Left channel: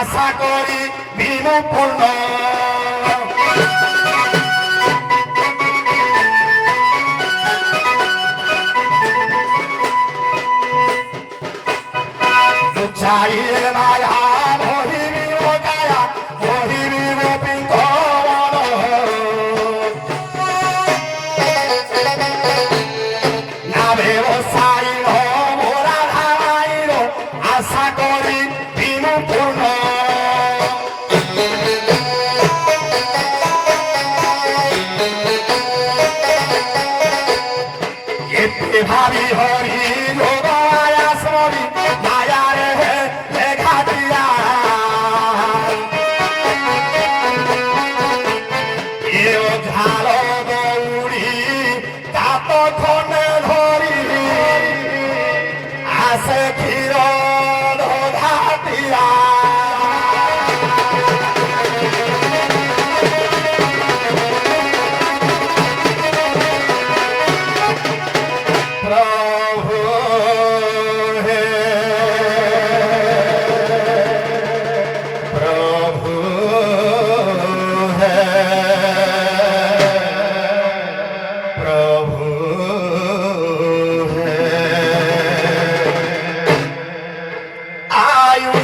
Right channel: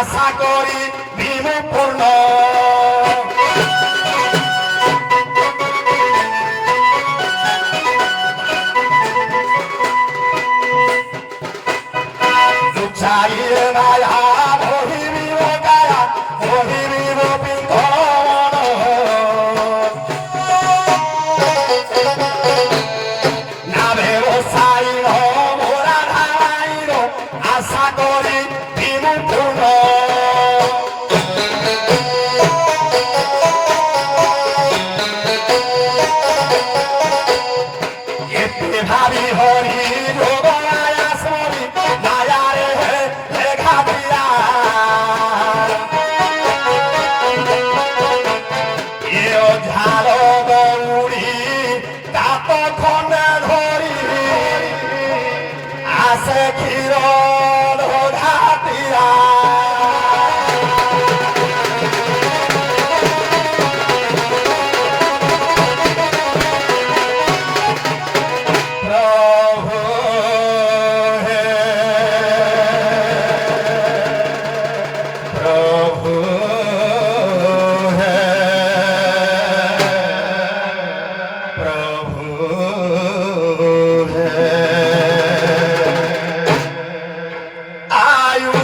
আশা করি দিন পূর্ণ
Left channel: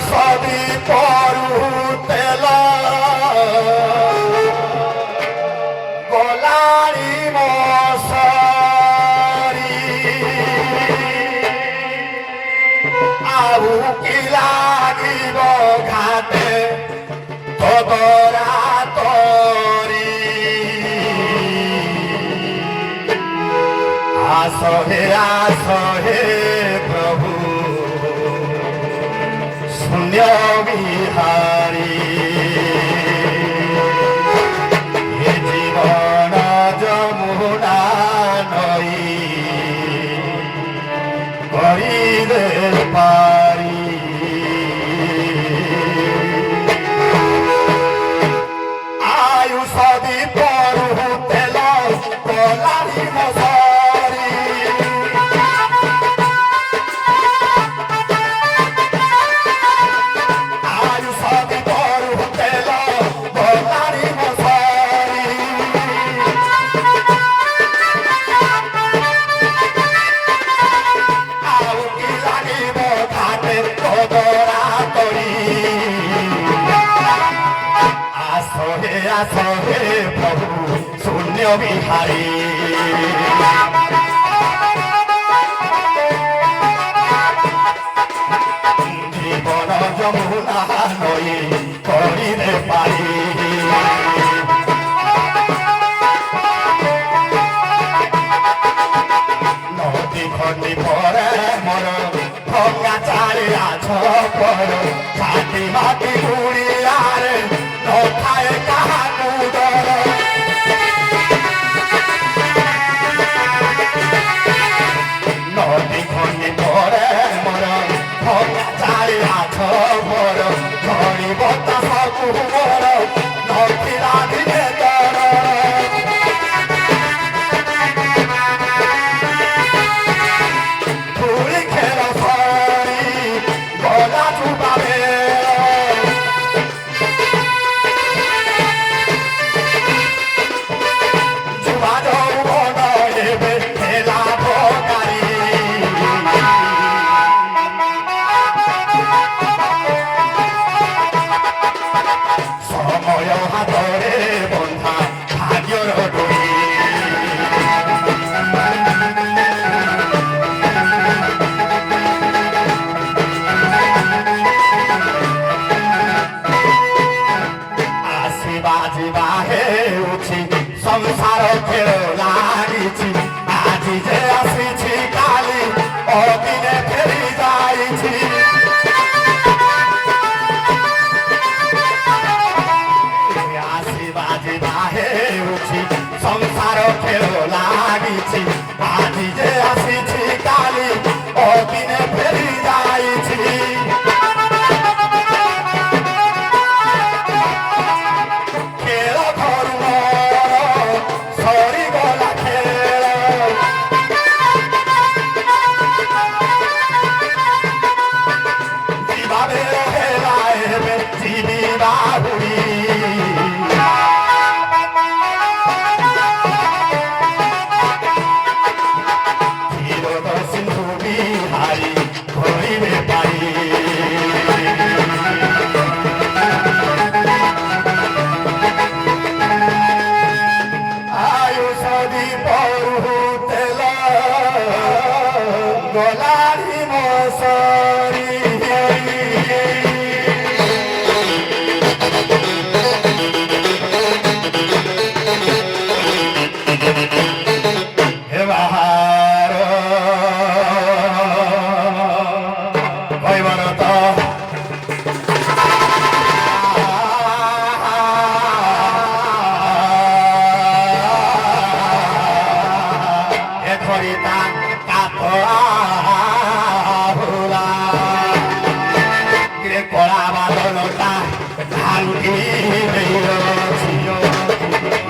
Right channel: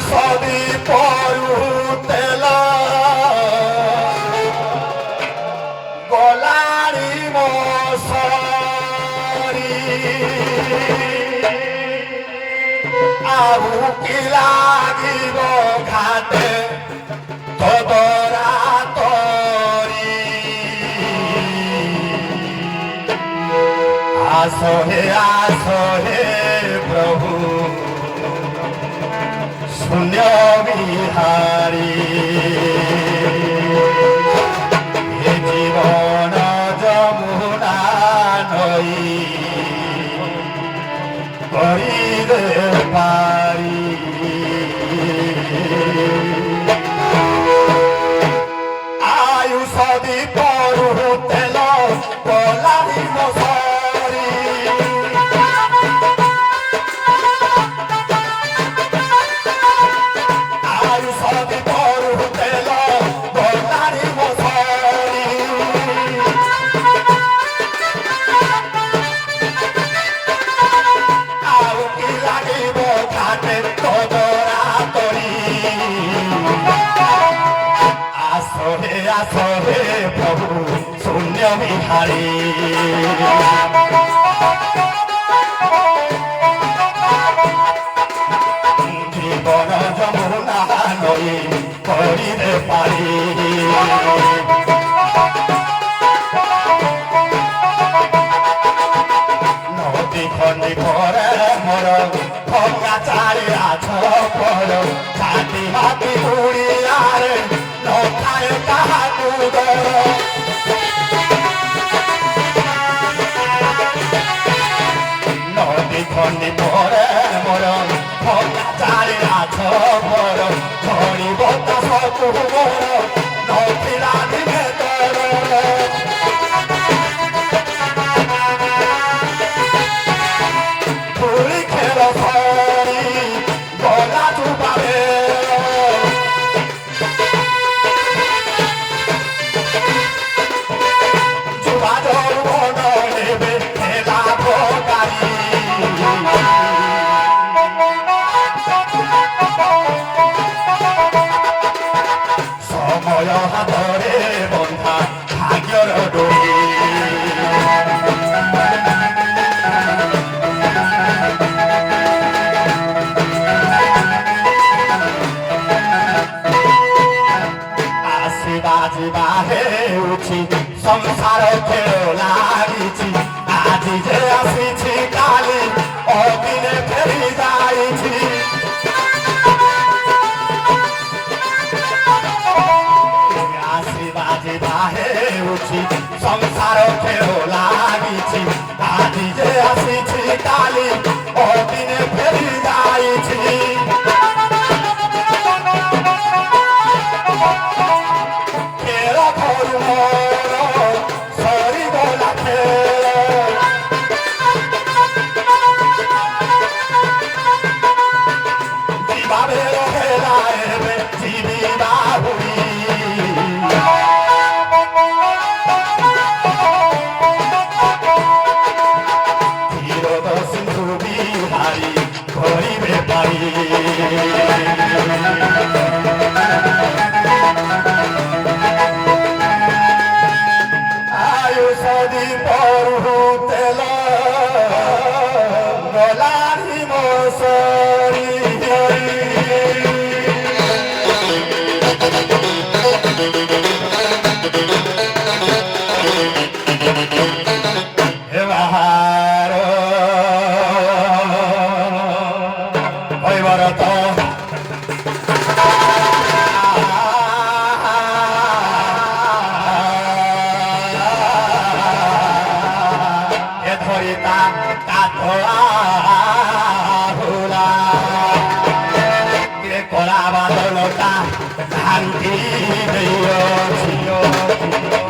ସଦି ପରୁତେଲ ଗଲାଣି ମସରି ଆଉ କି ଲାଗିବ ଘାଟେ ତୋଦରା ତୋରି ଆସ ହେ ପ୍ରଭୁ শূন্য বিহারী এ জীবন যমুনা নই করিবে পারি আয়ুষ দি পরু তেল কলারি মশারি আসরে প্রভু শূন্য বিহারী জীবন যমুনা নই করিলে পারি নদী খন্দি পরে মর ভঙ্গা চারি আছ পর ছাতি মাটি উড়িয়ারে নখায় কাহাকু ডর নদী খন্দি পরে মর ভঙ্গা চারি আছ পর ঝড়ি বতাসকু মর নথিলা দিকে তর ধুলি খেল সরি গলা চুবাবে সময় হাতরে বন্ধা ভাগ্যর ডোরি আসিবা ଯିବା ହେଉଛି ସଂସାର ଖେଳ ଲାଗିଛି ଆଜି ଯେ ଆସିଛି କାଲି ଅଳଦିନେ ଫେରି ଯାଇଛି ଆସିବା ଯିବା ହେଉଛି ସଂସାର ଖେଳ ଲାଗିଛି ଆଜି ଯେ ଆସିଛି କାଲି ଅଳଦିନେ ଫେରି ଯାଇଛି আয়ুষদি পরু তেল গলারি মশারি হে বাহার কইবার তো ধরিতা কাঠলা কলা বাদলতা ধানটি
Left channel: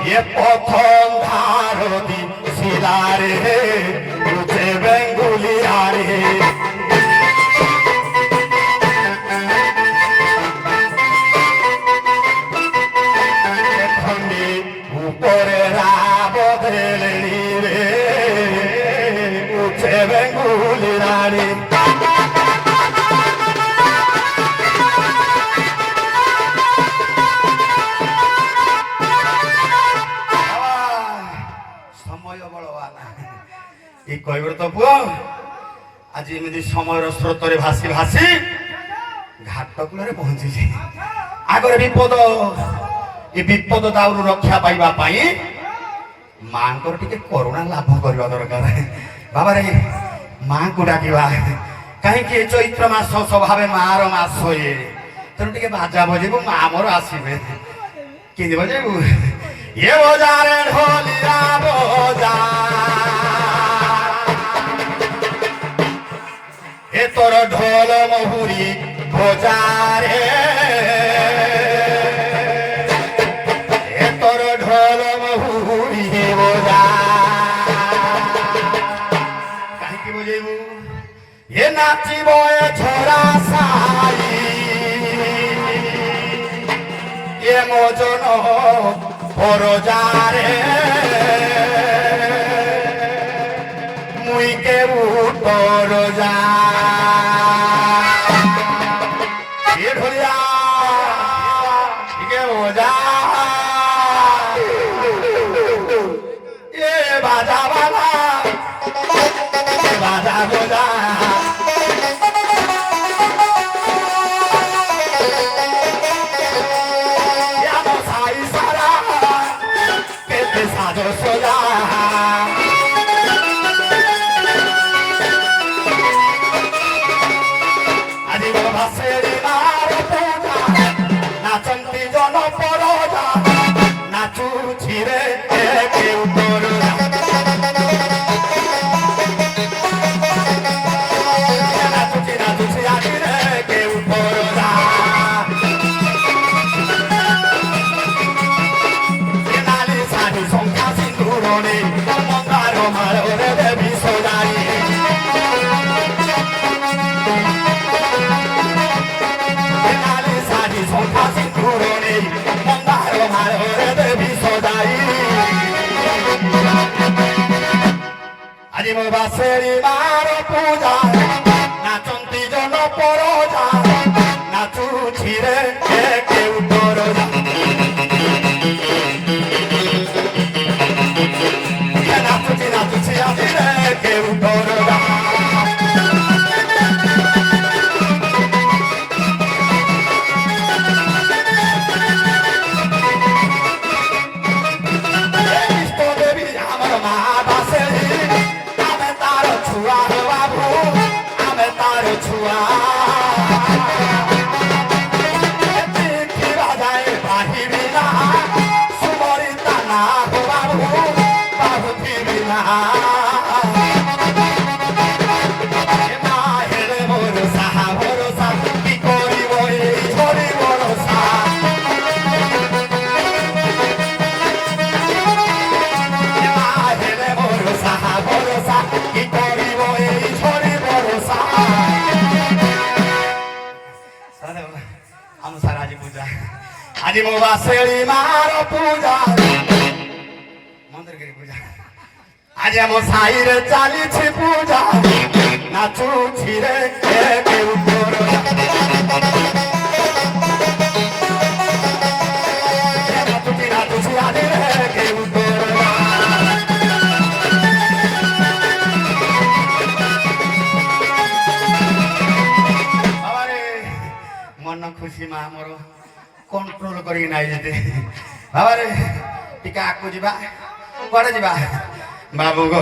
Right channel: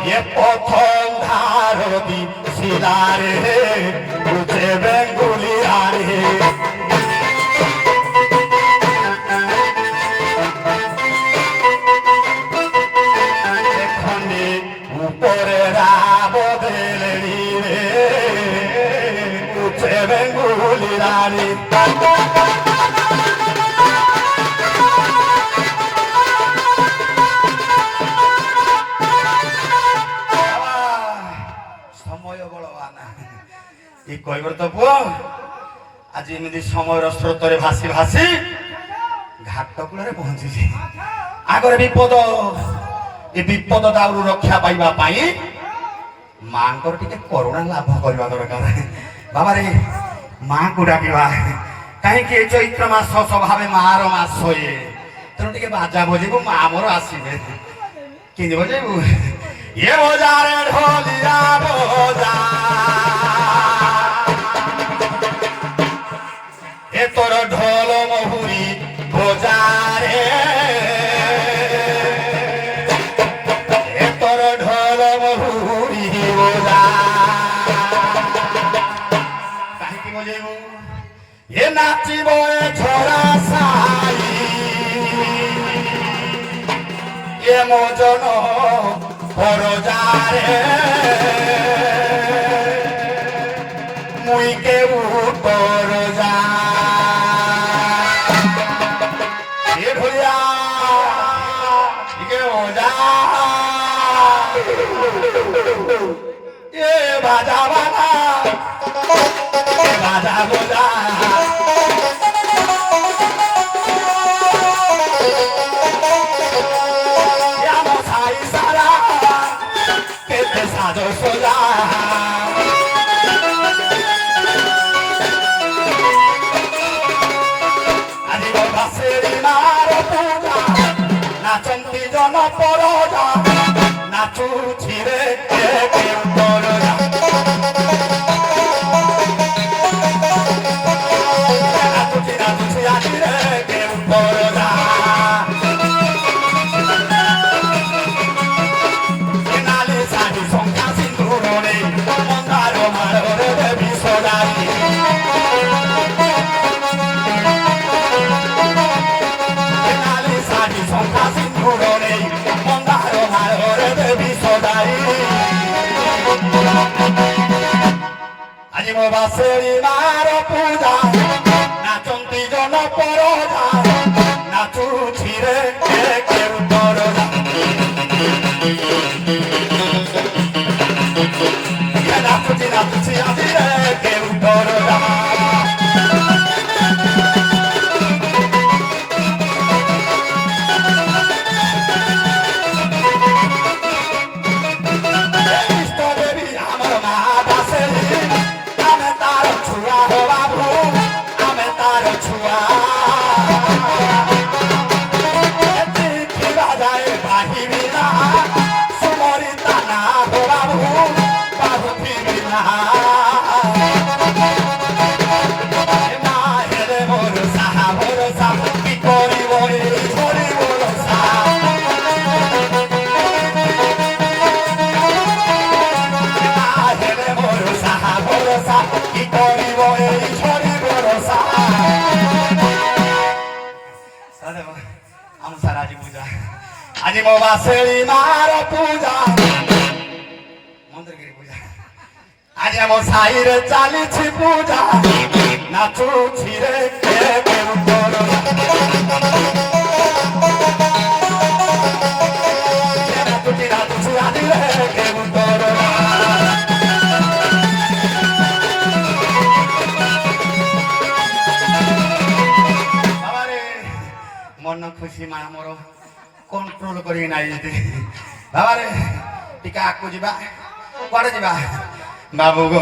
এ প্রথম ধারতি শিলারে বুঝে বেঙ্গুলিয়ারে খন্ডে উপরে রাবদেলেনি রে বুঝে বেঙ্গুলিয়ারে କହିବ ତ ପୁଅ ଆଜି ଏମିତି ସମୟର ସ୍ରୋତରେ ଭାସି ଭାସି ଘାଟ କୂଳରେ ପହଞ୍ଚିଛି। ଆଗରେ ବିପଦ, ଏ ବିପଦ ଦାଉରୁ ରକ୍ଷା ପାଇବା ପାଇଁ ମାଙ୍କର ଟିକେ କରୁଣା ଲାଭ କରିବା ଦରକାର। ବାବାରେ ମାଙ୍କୁ ଡାକିବା, କାହିଁକି ଏ ଚୈତ୍ର ମାସ ସ୍ୱଭାବେ ମାର ମାସ ଇଏ, ତେଣୁ ଟିକେ ବାଜା ବଜେଇବୁ, ମା ମୋର ଆସିବେ। କେମିତି ବଜେଇବୁ? ଏ ବଜାରେ ଢୋଲିଆ ବଜା, ଏ ତୋର ঢোল মহুরি বজারে, এ তোর ঢোল মহুরি বজা। কাহিঁকি বজেইবু? এ নাচিব এ ঝরা সাই, এ মজন পরজারে, মুই কেউ তোর যা। বাজা বাজা বাজা বাজা সাই সারা কেতে সাজো সোজা। আজি ভাসেরি মার পূজা, নাচন্তি জন পরজা, নাচুছি রে কেউ পরজা। নাচুছি নাচুছি আজি রে কেউ পরজা। নালি শাড়ি সংখ্যা সিন্দুরে মন্দার মারে দেবী সদাই। নালি শাড়ি সংখ্যা সিন্দুরে মন্দার মারে দেবী সদাই। আজি মো বাসেরি মার পূজা, নাচন্তি জন পরজা, নাচুছি রে কেউ পরজা। নাচুছি নাচুছি আজি রে কেউ পরজা। ইষ্ট দেবী আমার মা বাসেরি, আমি তার ছুয়া হো বাবু, আমি তার ছুয়া। দেখিবা যায় বাহিবি না, সুমরিতা না হো বাবু, বাবু দিবি না। মা হেরে ভরসা ভরসা, কি করিব এই ঝরি ভরসা। মা হেরে ভরসা ভরসা, কি করিব এই ঝরি ভরসা। ଆମ ସାରା ଆଜି ପୂଜା, ଆଜି ମୋ ବାସେଳି ମାର ପୂଜା, ମନ୍ଦିରଗିରି ପୂଜା। ଆଜି ଆମ ସାହିରେ ଚାଲିଛି ପୂଜା, ନାଚୁଛି ରେ କେଉ ପରଜା। ନାଚୁଛି ନାଚୁଛି ଆଜି ରେ କେଉ ପରଜା। ବାବାରେ ମନ ଖୁସି ମା ମୋର କଣ୍ଟ୍ରୋଲ କରିକି ନାଇ ଯେତେ। ବାବାରେ ଟିକେ ଆଗକୁ ଯିବା, କୁଆଡେ ଯିବା? ବାବୁ ଗୋ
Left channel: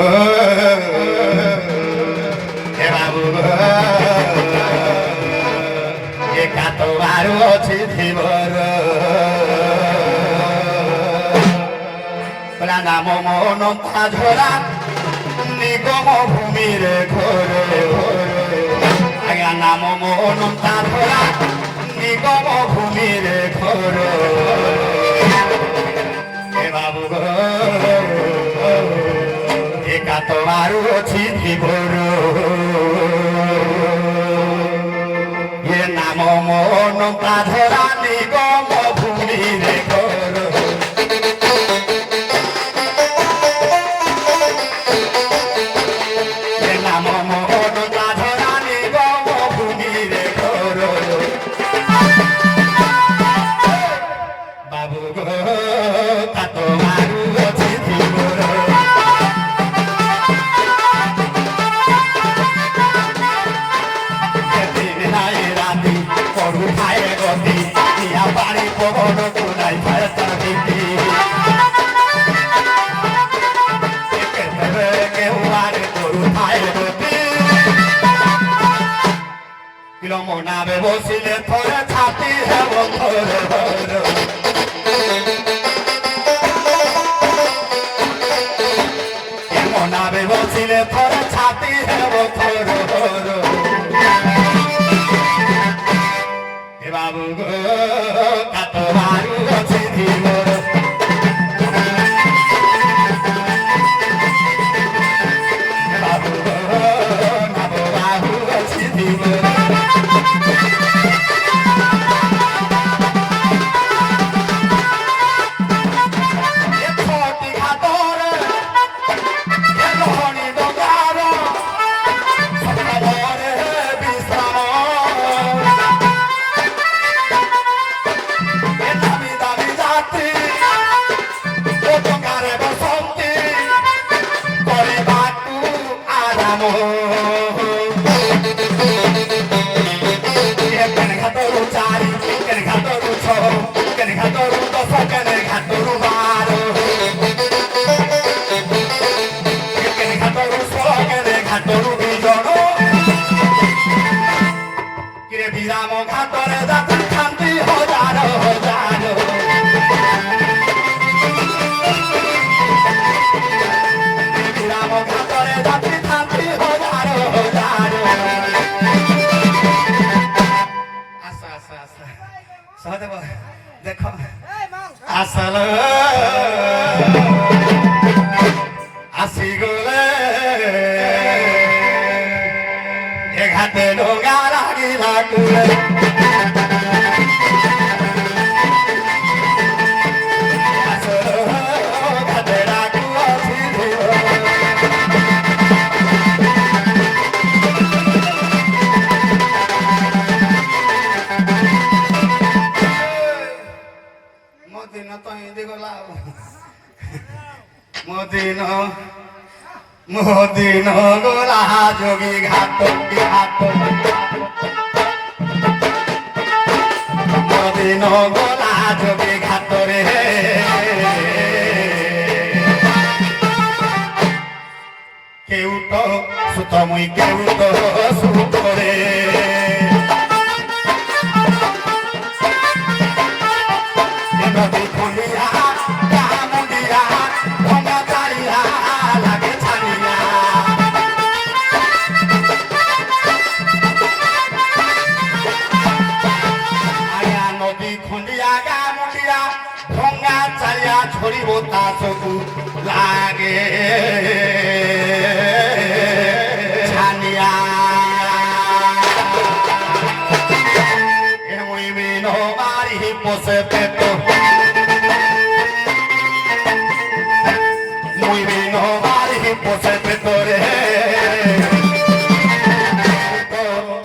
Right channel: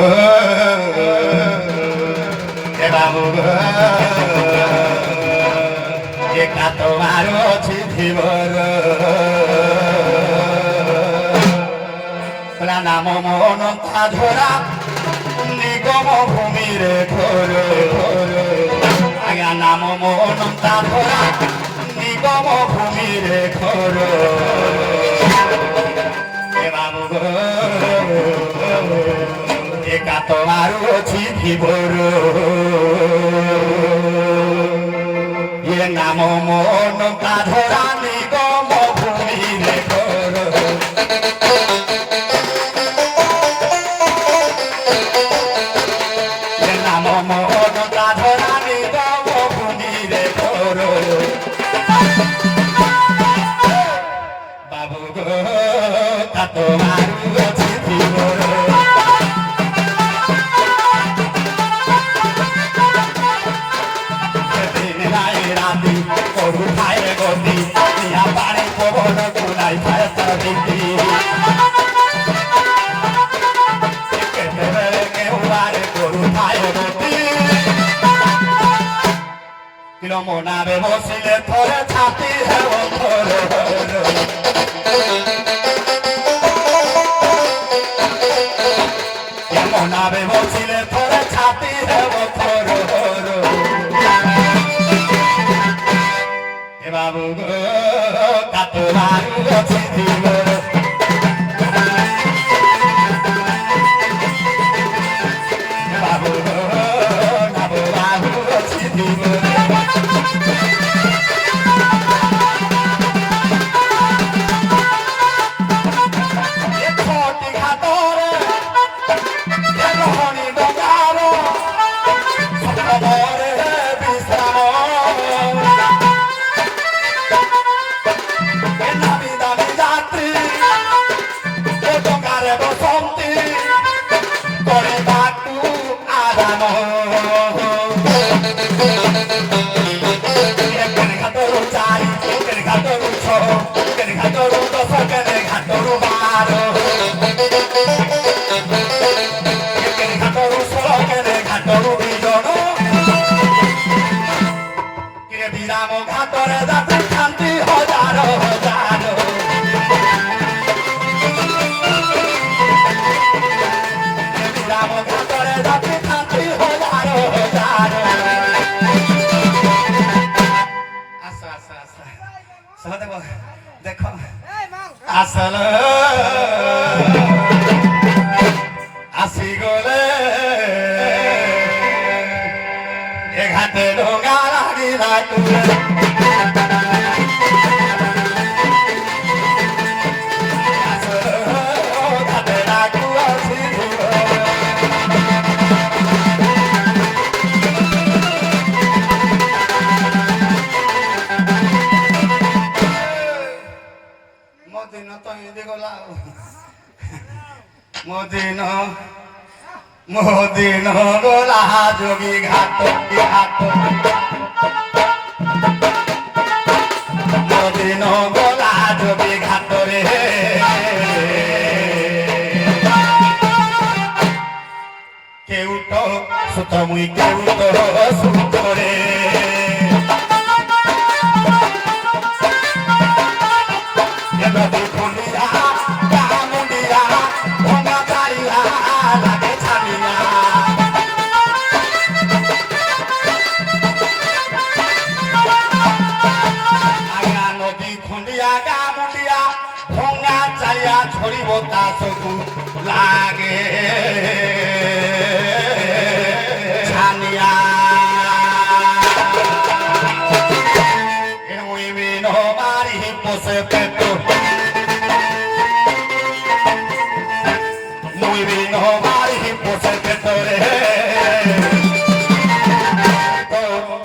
ଏ ବାବୁ ଗୋ, ଏକା ତ ମାରୁ ଅଛି ଧୀବର, କହିଲା ନାମ ମନ ତା ଝରା, ନିଗମ ଭୂମିରେ ଘରେ ଘରେ। ଆଜ୍ଞା ନାମ ମନ ତା ଝରା, নিগম ভূমিরে ঘর। এ বাবু গো একা তোমার অছি ধীবর, এ নাম মন তা ধরা, নিগম ভূমিরে ঘর। এ নাম মন তা ধরা, নিগম ভূমিরে ঘর। বাবু গো তা তোমার অছি ধীবর, মনাবে বসিলে থরে ছাতি হেব থর মনাবে বসিলে থরে ছাতি হেব থর এ বাবু গো কাত বারু অছি দিব বাবু গো নাব বাবু অছি দিব বিরাম ঘাটরে যাত্রী শান্তি হাজার হাজার বিরাম ঘাটরে যাত্রী শান্তি হাজার হাজার আচ্ছা আচ্ছা আচ্ছা শোনা দেব দেখো আসল আসি গলে এ ঘাটে ডোঙা লাগিলা কুয়ে মদিন গোলা যোগী ঘাট ঘাট মদিন গোলা যোগী ঘাটরে কেউট সুত মুই কেউট সুতরে নদী খুলিয়া মন্দিরা ভঙা চারিয়া লাগে ছাড়িয়া আয়া নদী খুলিয়া গা মুন্ডিয়া ভঙা চারিয়া ছড়িব তা চকু লাগে ছানিয়া মুই বিন মারি পোষে পেট muy vino mari pose petore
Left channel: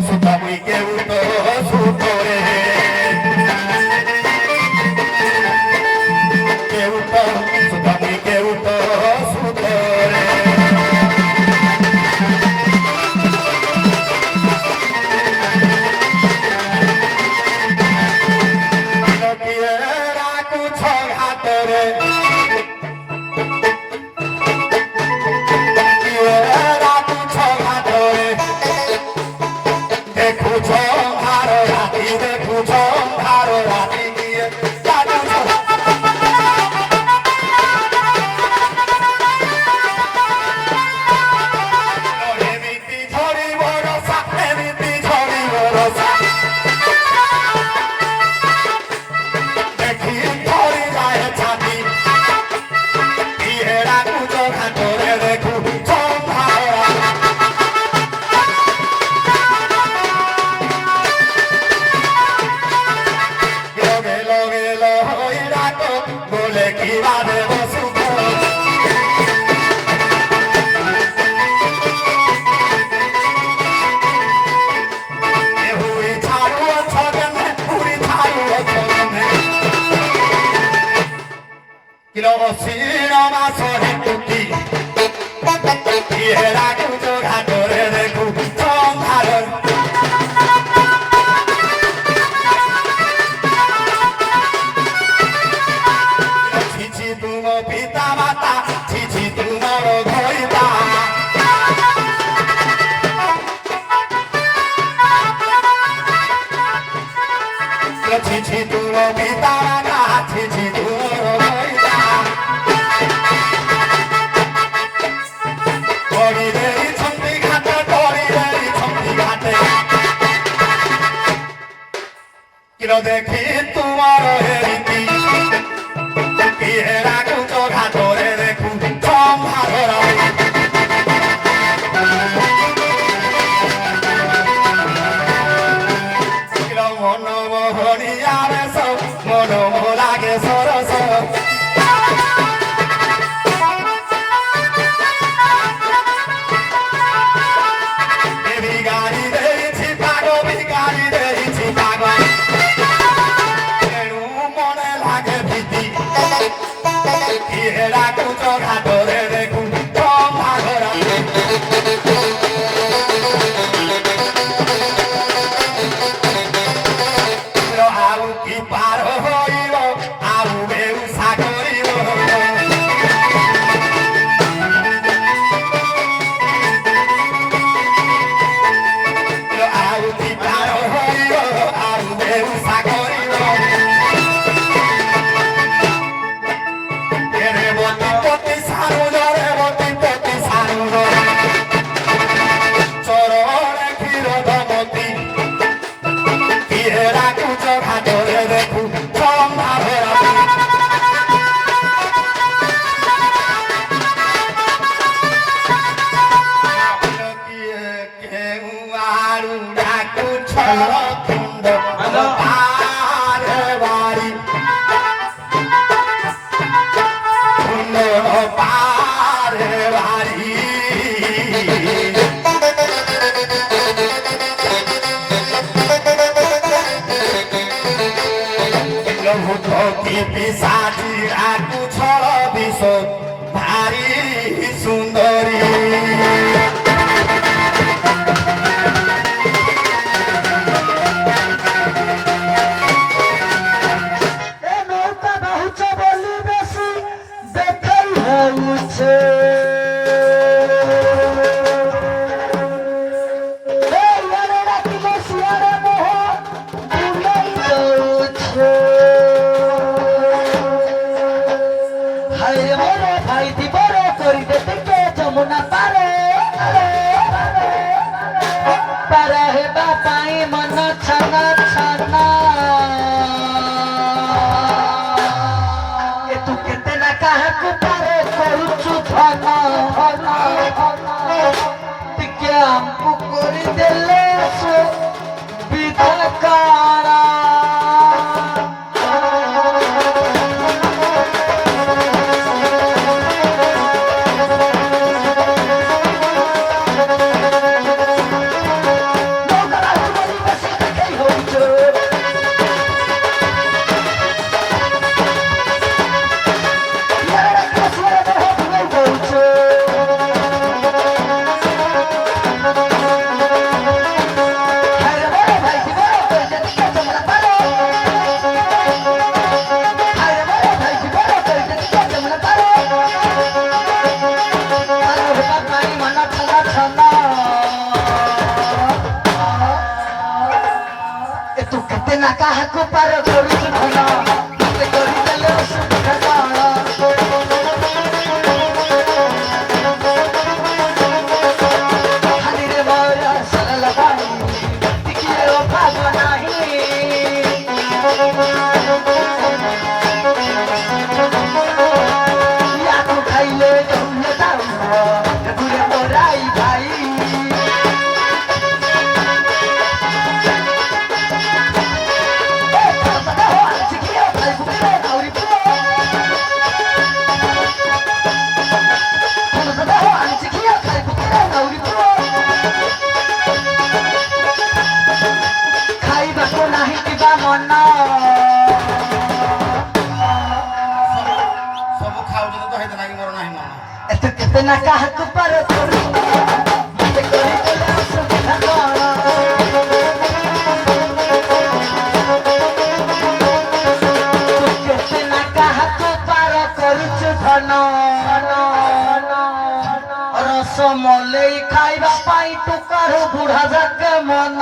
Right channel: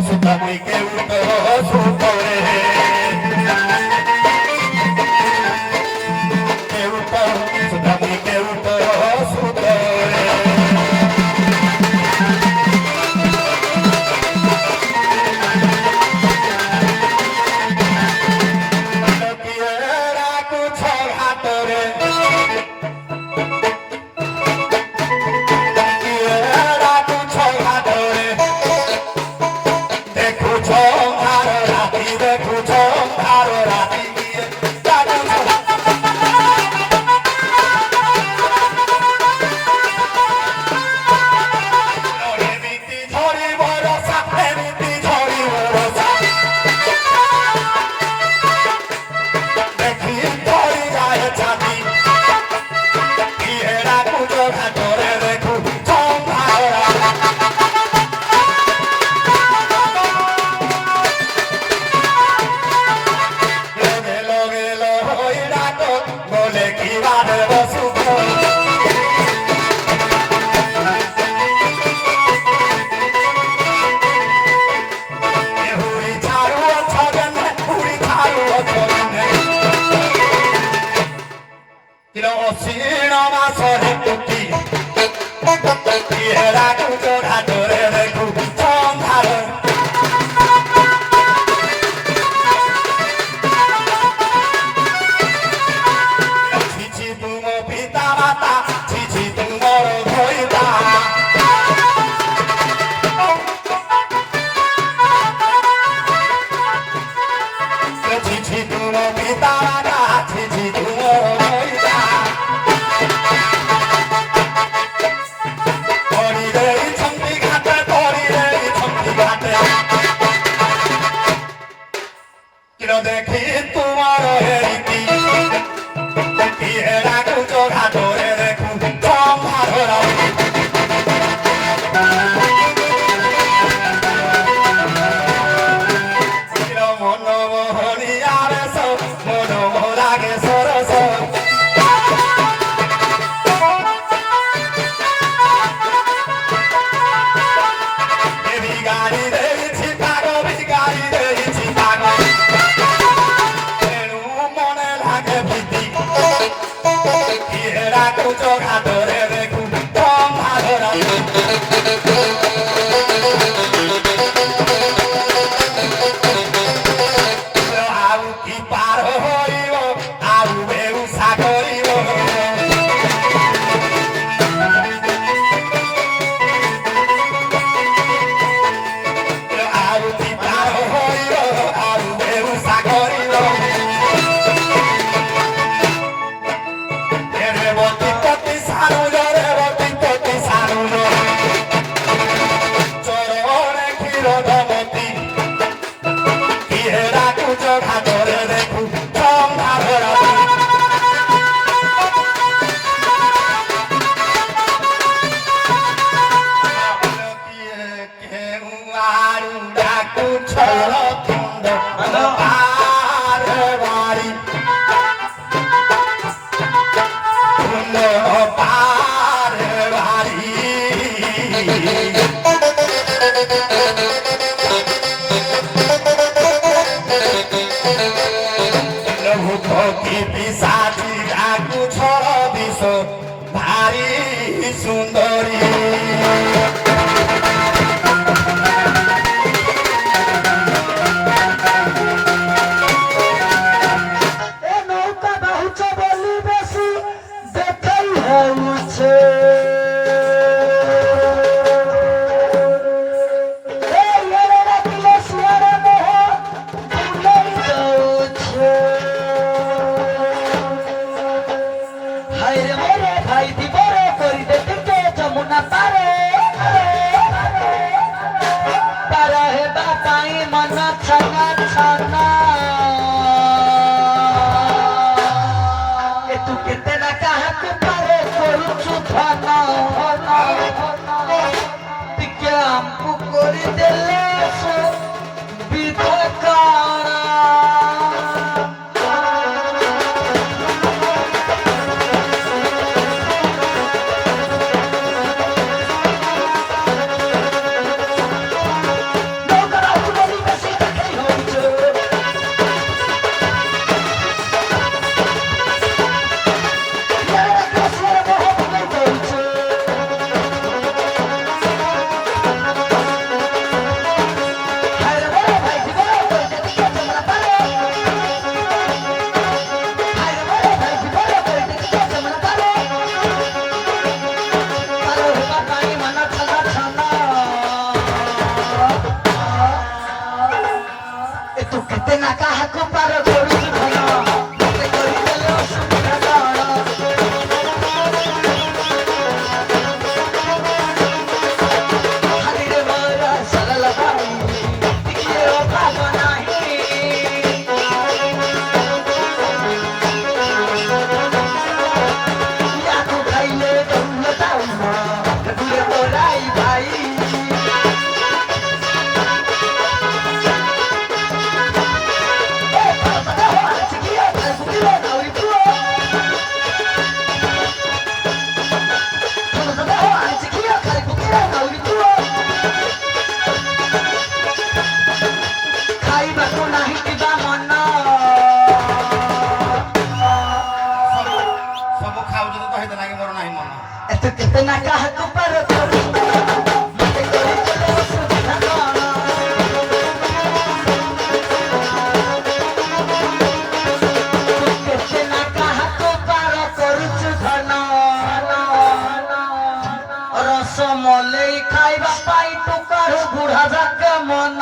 suta muy que uto supore que uto suta muy que uto supore no quiera cucho hatore ତୁମ ପିତା ନାଚିଛି ତୁମର ମଇଦା କରିଦେଇଛନ୍ତି ଘାଟ କରିଦେଇଛନ୍ତି ଘାଟେ କିର ଦେଖି ତୁମର ହେରିକି କିଏ ଡାକୁଛ ଘାଟରେ ଦେଖୁ ସମ୍ଭାର ঘাটরে দেখু ଆଉ କି ପାର ହୋଇବ ଆଉ ବେଉସା କରିବ ଆଉ କି ପାର ହୋଇବ ଆଉ ବେଉସା କରିବ ରେବତୀ ସାରୁଣ ଚରଣେ କ୍ଷୀର ଦମତୀ କିଏ ଡାକୁଛ ଘାଟରେ ଦେଖୁ ସମ୍ଭାର କିଏ କେଉଁ ଆଡୁ ଡାକୁଛ ତୁଣ୍ଡ ପାରେ ବାରି ତୁଣ୍ଡ ପାରେ ବାରି কি পিসাচি আকু ছড় দিশ ভারি সুন্দরী নৌকা বাহুছ বলি বেশি দেখাই হচ্ছে ମଲେଇ ଖାଇବା ପାଇଁ ଟୁକାର ବୁଢା ଯାକେ ମନ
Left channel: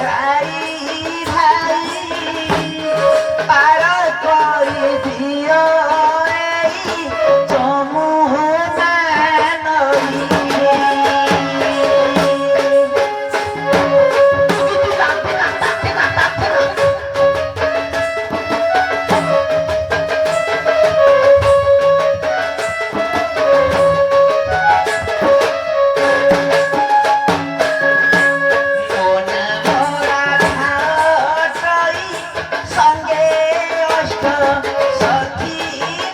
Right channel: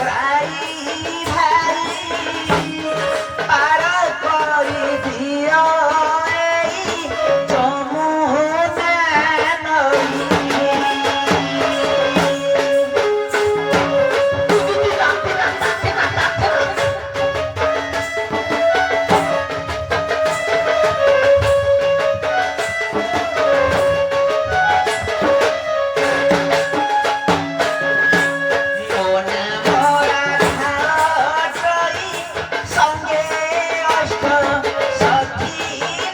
ভাই ভাই পার করে দিও এই যমুনা নদী। মন ভরা ঘাটই সঙ্গে অষ্ট সখী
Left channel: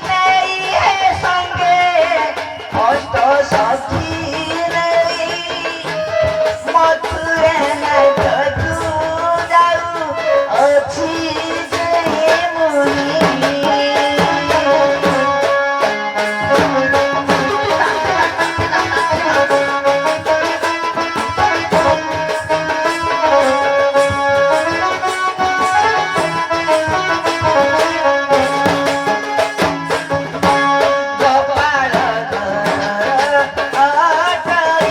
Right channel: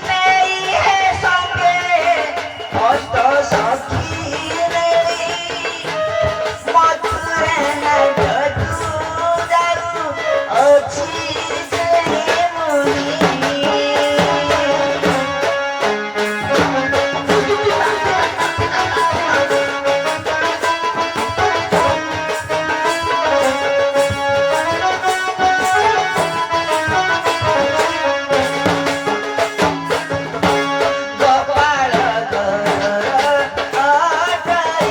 নেই হে সঙ্গে অষ্ট সখী নেই মথুরে নাই তু যাও অছি যে মুনি। গোপাল আটাই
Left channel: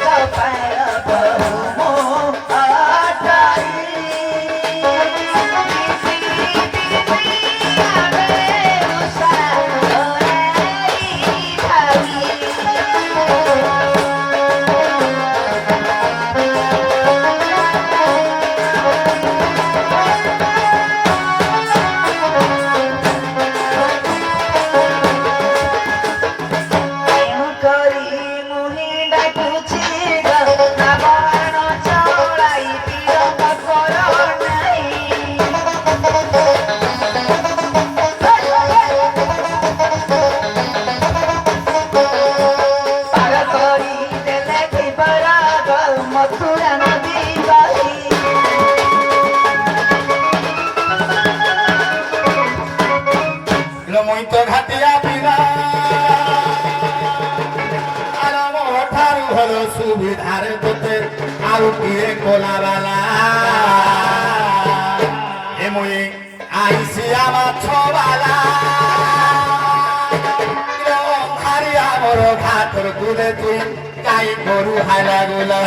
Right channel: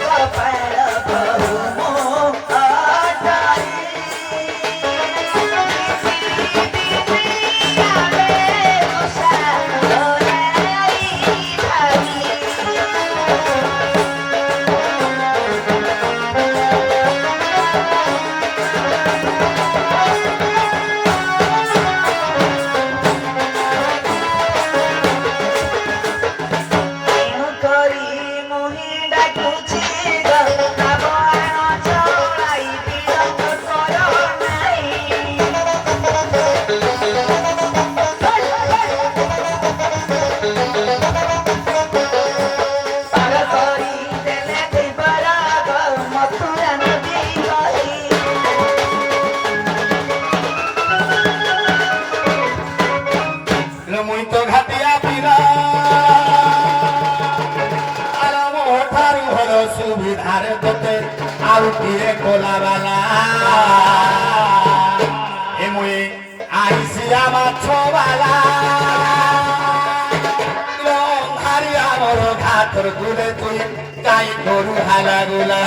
গোপাল বহু আটাই উষা ভাই କରି ମୁହିଁ ଡାକୁଛି ରାବଣ ଚଳାଇ ବିଳମ୍ବ କର ନାହିଁ। ପାର କରି ଦେଲେ ଥିବରାଗ ମଥୁରା ନଦୀ କହି। ମୁଇଁ ତ ଘାଟିଆ ପିଲା ଠାରୁ ଭଲ ସୁବିଧାରେ ତୋତେ ଆଉ କିଏ କୋଲାବାଲା ଏ ମୁଇଁ ଆଇସିଆ ମାଛବାଲା ଭାରି ଆମର ଘାଟର ଗୁଲେ তুই গাই গরু হালা গুলা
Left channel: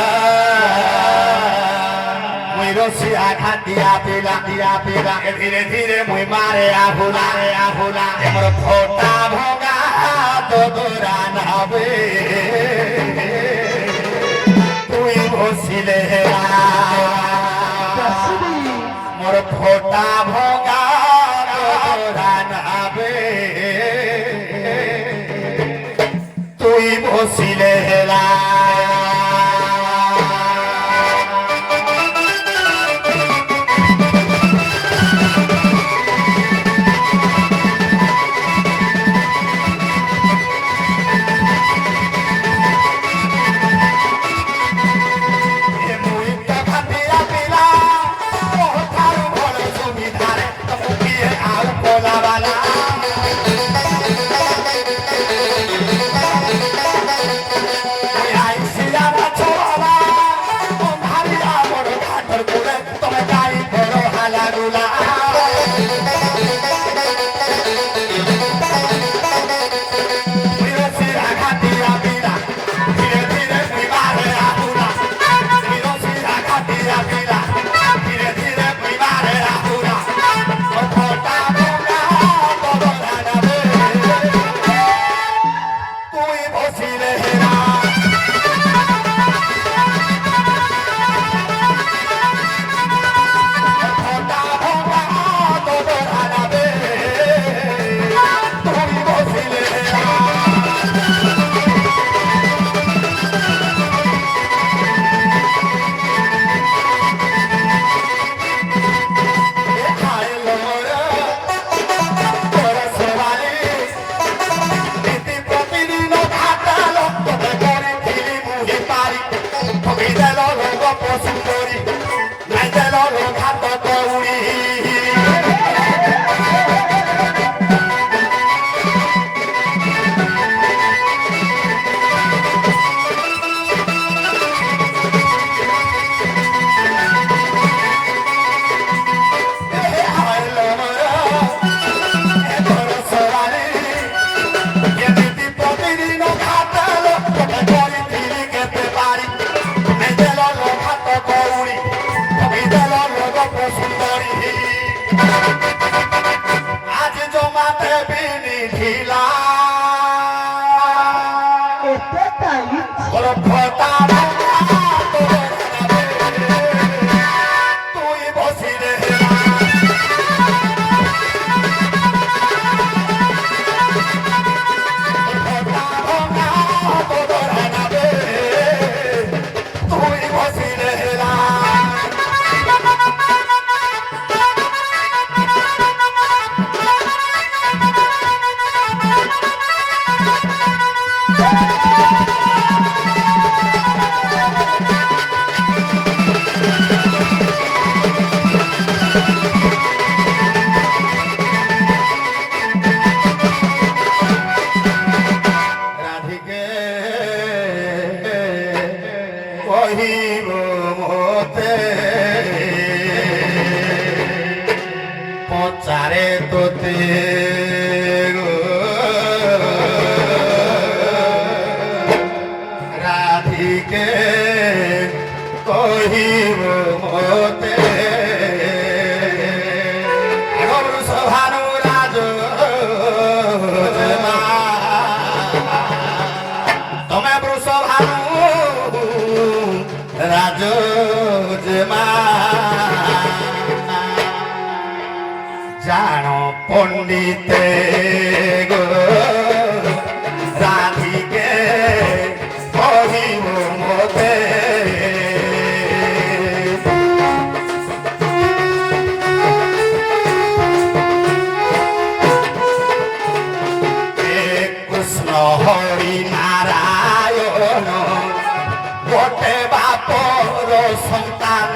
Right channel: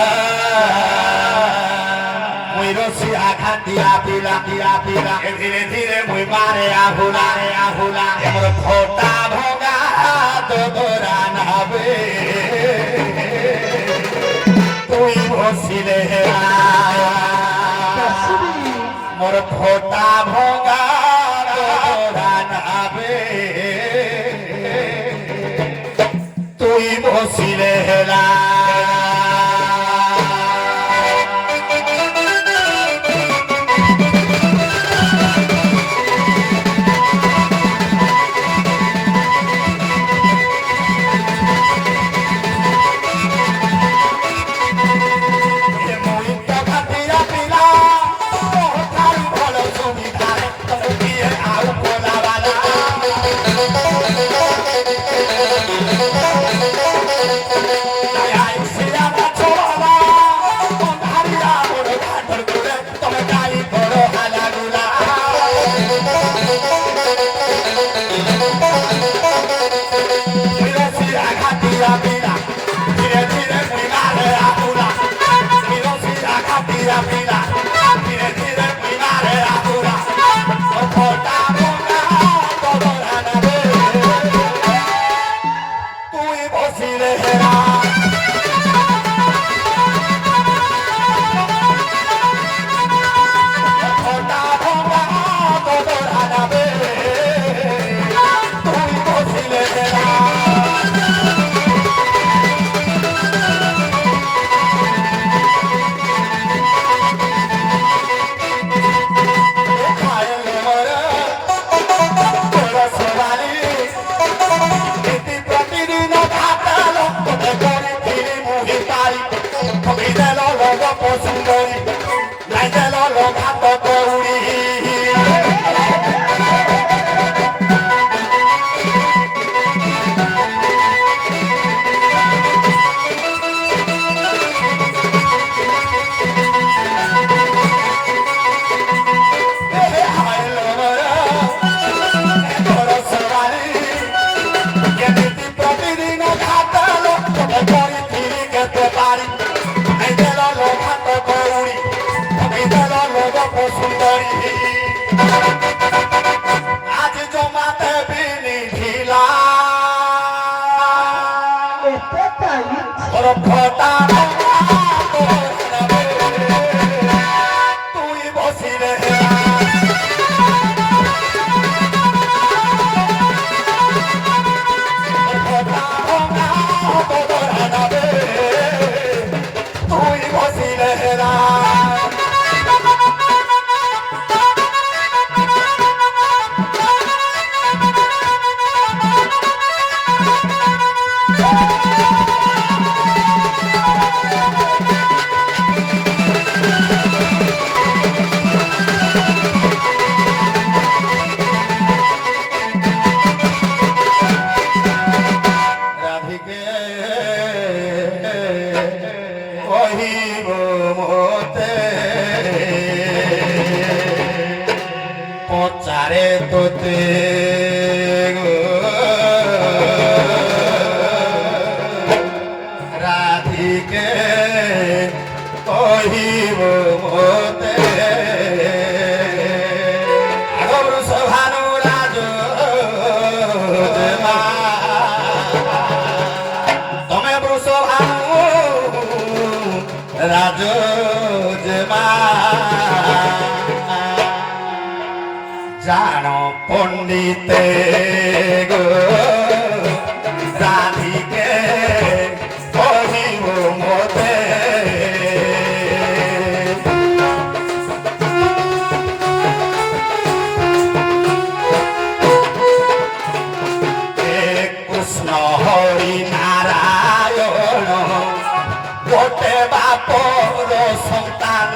মুই রসিয়া খাটিয়া পিলা পিলা পিলা ধীরে ধীরে মুই মারে আহুলা এমর ফোটা ভগা তোরা নাবে তুই বসিলে মোর ফোটা ভগা তোরা নাবে তুই বসিলে হেলা তুমি দেল লোক সুন্দরী আজ জমাতে বিনি ঢিলা এতে টাইট তোর ফটা তুই বসিলে তুই বসিলে রাধিকে কহিব মতে পচারে তোতে গো রাধিকে কহিব মতে সভানু রাজ তমে বৃষভানু রাজ জানো পণ্ডিতে গো রাধিকে কহিব মতে কৃষ্ণ হরি নারায়ণ গোটে বাপর সন্তান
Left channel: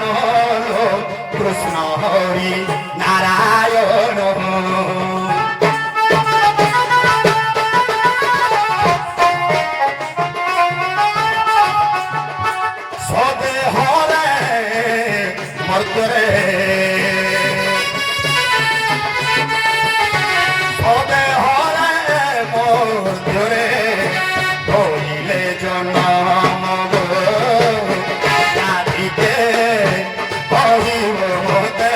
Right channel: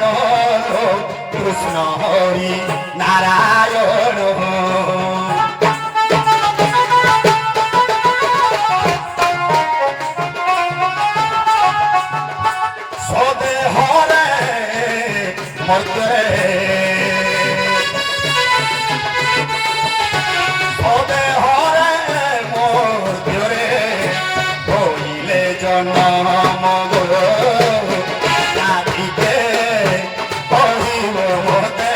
কৃষ্ণ হরি নারায়ণ সদেহরে মর্ত্যরে সদেহরে মর্ত্যরে হইলে জনম গো রাধিকে কহিব মতে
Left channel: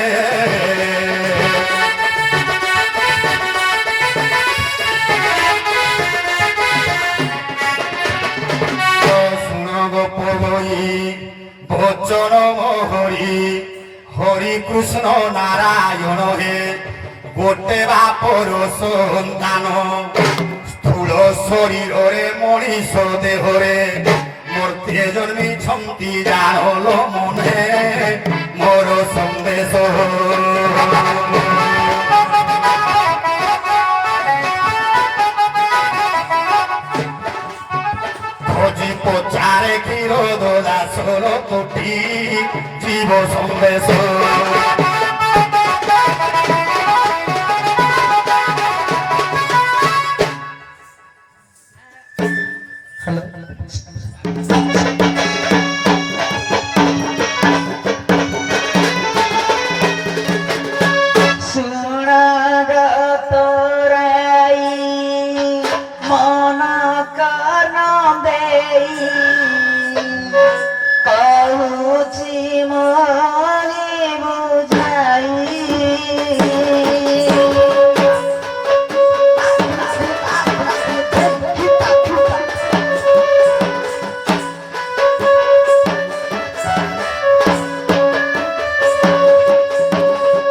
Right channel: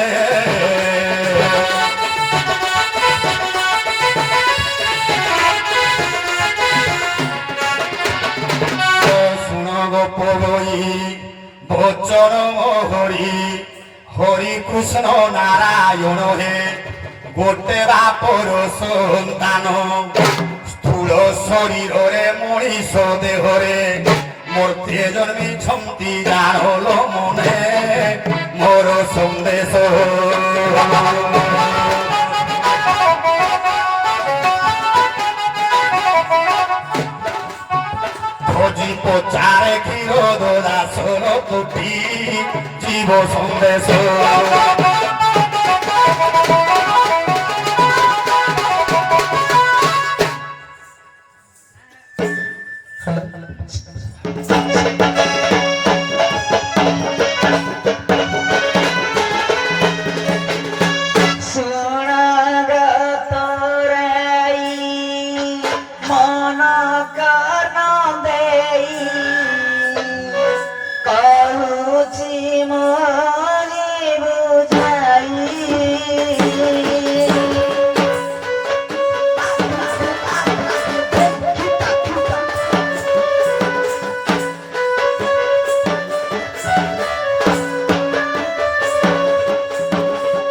শুনব পবই বচন হরি হরি কৃষ্ণ নারায়ণ হে গোটে বাপর সন্তান স্থূল শরীরে মଣିষ দেহরে মূর্তি জন্মিছন্তি জানল মনে মোর সন্দেশ খোঁজি পচারে ক্ষীর দাসর কোটি জীব সন্দেশ ଶୁଣଗତ ରାଇ ମନ କାନ ଦେଇ କହୁଛି ମନି ବୁଝାଇ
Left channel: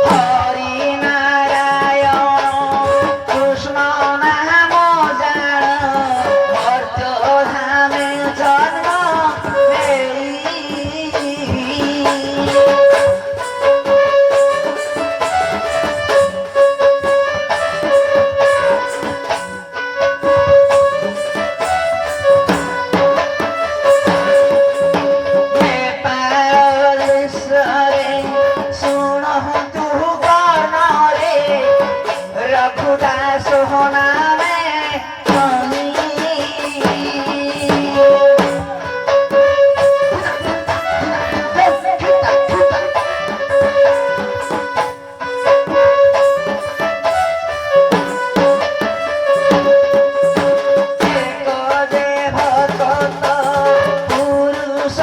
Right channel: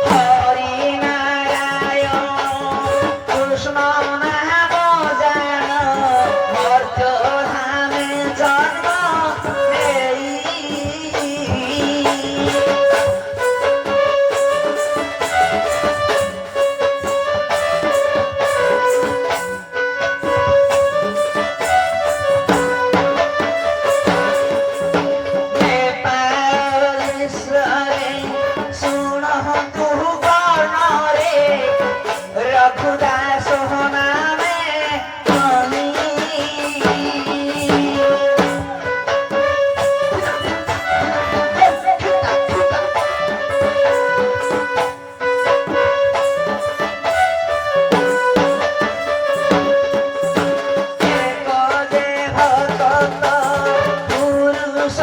হরি নারায়ণ কৃষ্ণ নাম জান অর্থ ধামে জন্ম নেই রঘুদাস নামে আমি যে ভগত পুরুষ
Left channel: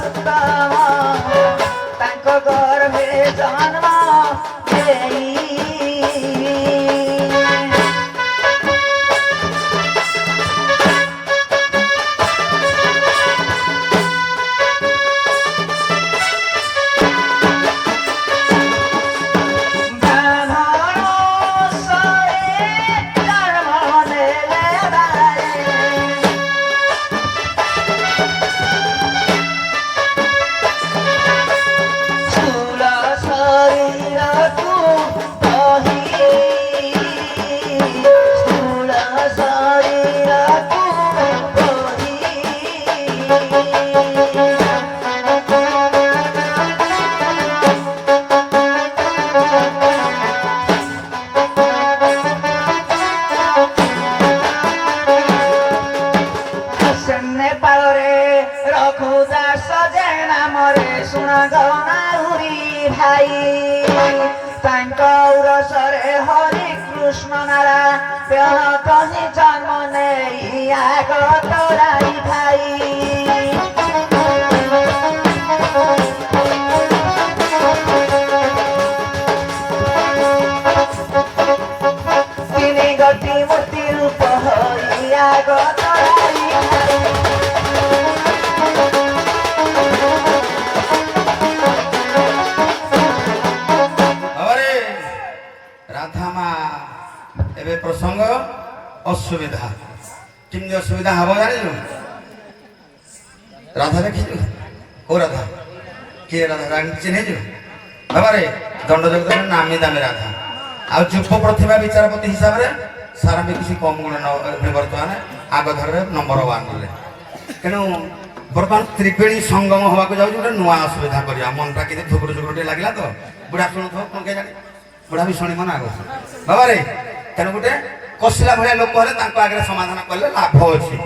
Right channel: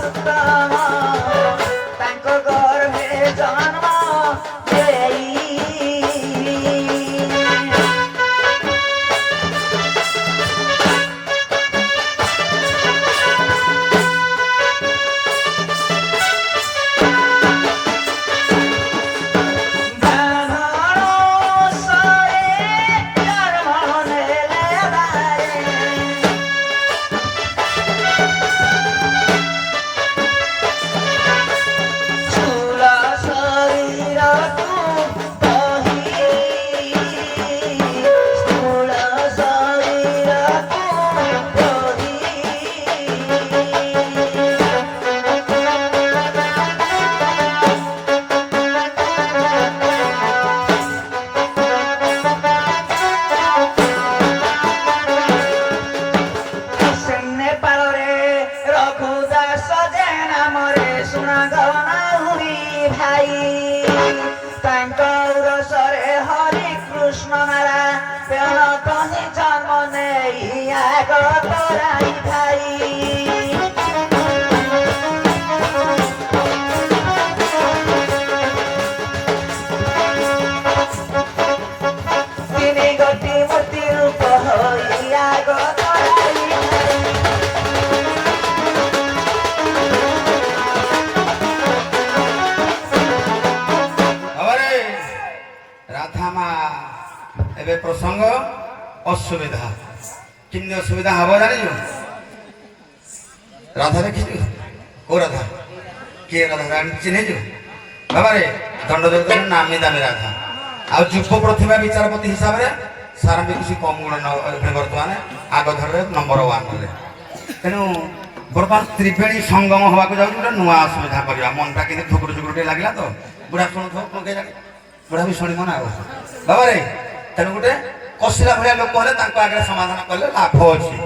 উত্তম ଭାଇ ତାଙ୍କ ଉରସରେ ହରି କୃଷ୍ଣ ନାରାୟଣ କହି ଜନ୍ମ ନେଇ ଆଗ ତୋରାଇ ଭାଇ ତିନି ଗୋଟି ମୂର୍ତ୍ତି ରୂପ ହୋଇ ଆଗ ତୋରାଇ ଭାଇ अरे राधा माँ एबे प्रसंग असुविधा किमती असुविधा हब जानी राधा देखी को राधा किए राधा रानी चिन्हे बाबा रे दंड जगत नामी दामी राधा आ युव प्रतिभा विचारपति हिसाब से सार भी किसी कम गुण बर्तमान आग धर नंबर 1 रे तेणु बर्तमान त्रिवेणी संगम हवा को जाऊँ गोटे नुआ असुविधा करवा मनटा कि ठुकुर चुकुर टे लगे तो बुढ़ा शुणु बुढ़ा भी शुणी मन बाबा रे तेणु गोटे कसिला भाया लोक हेले आगे समाधान कले लाभ अच्छी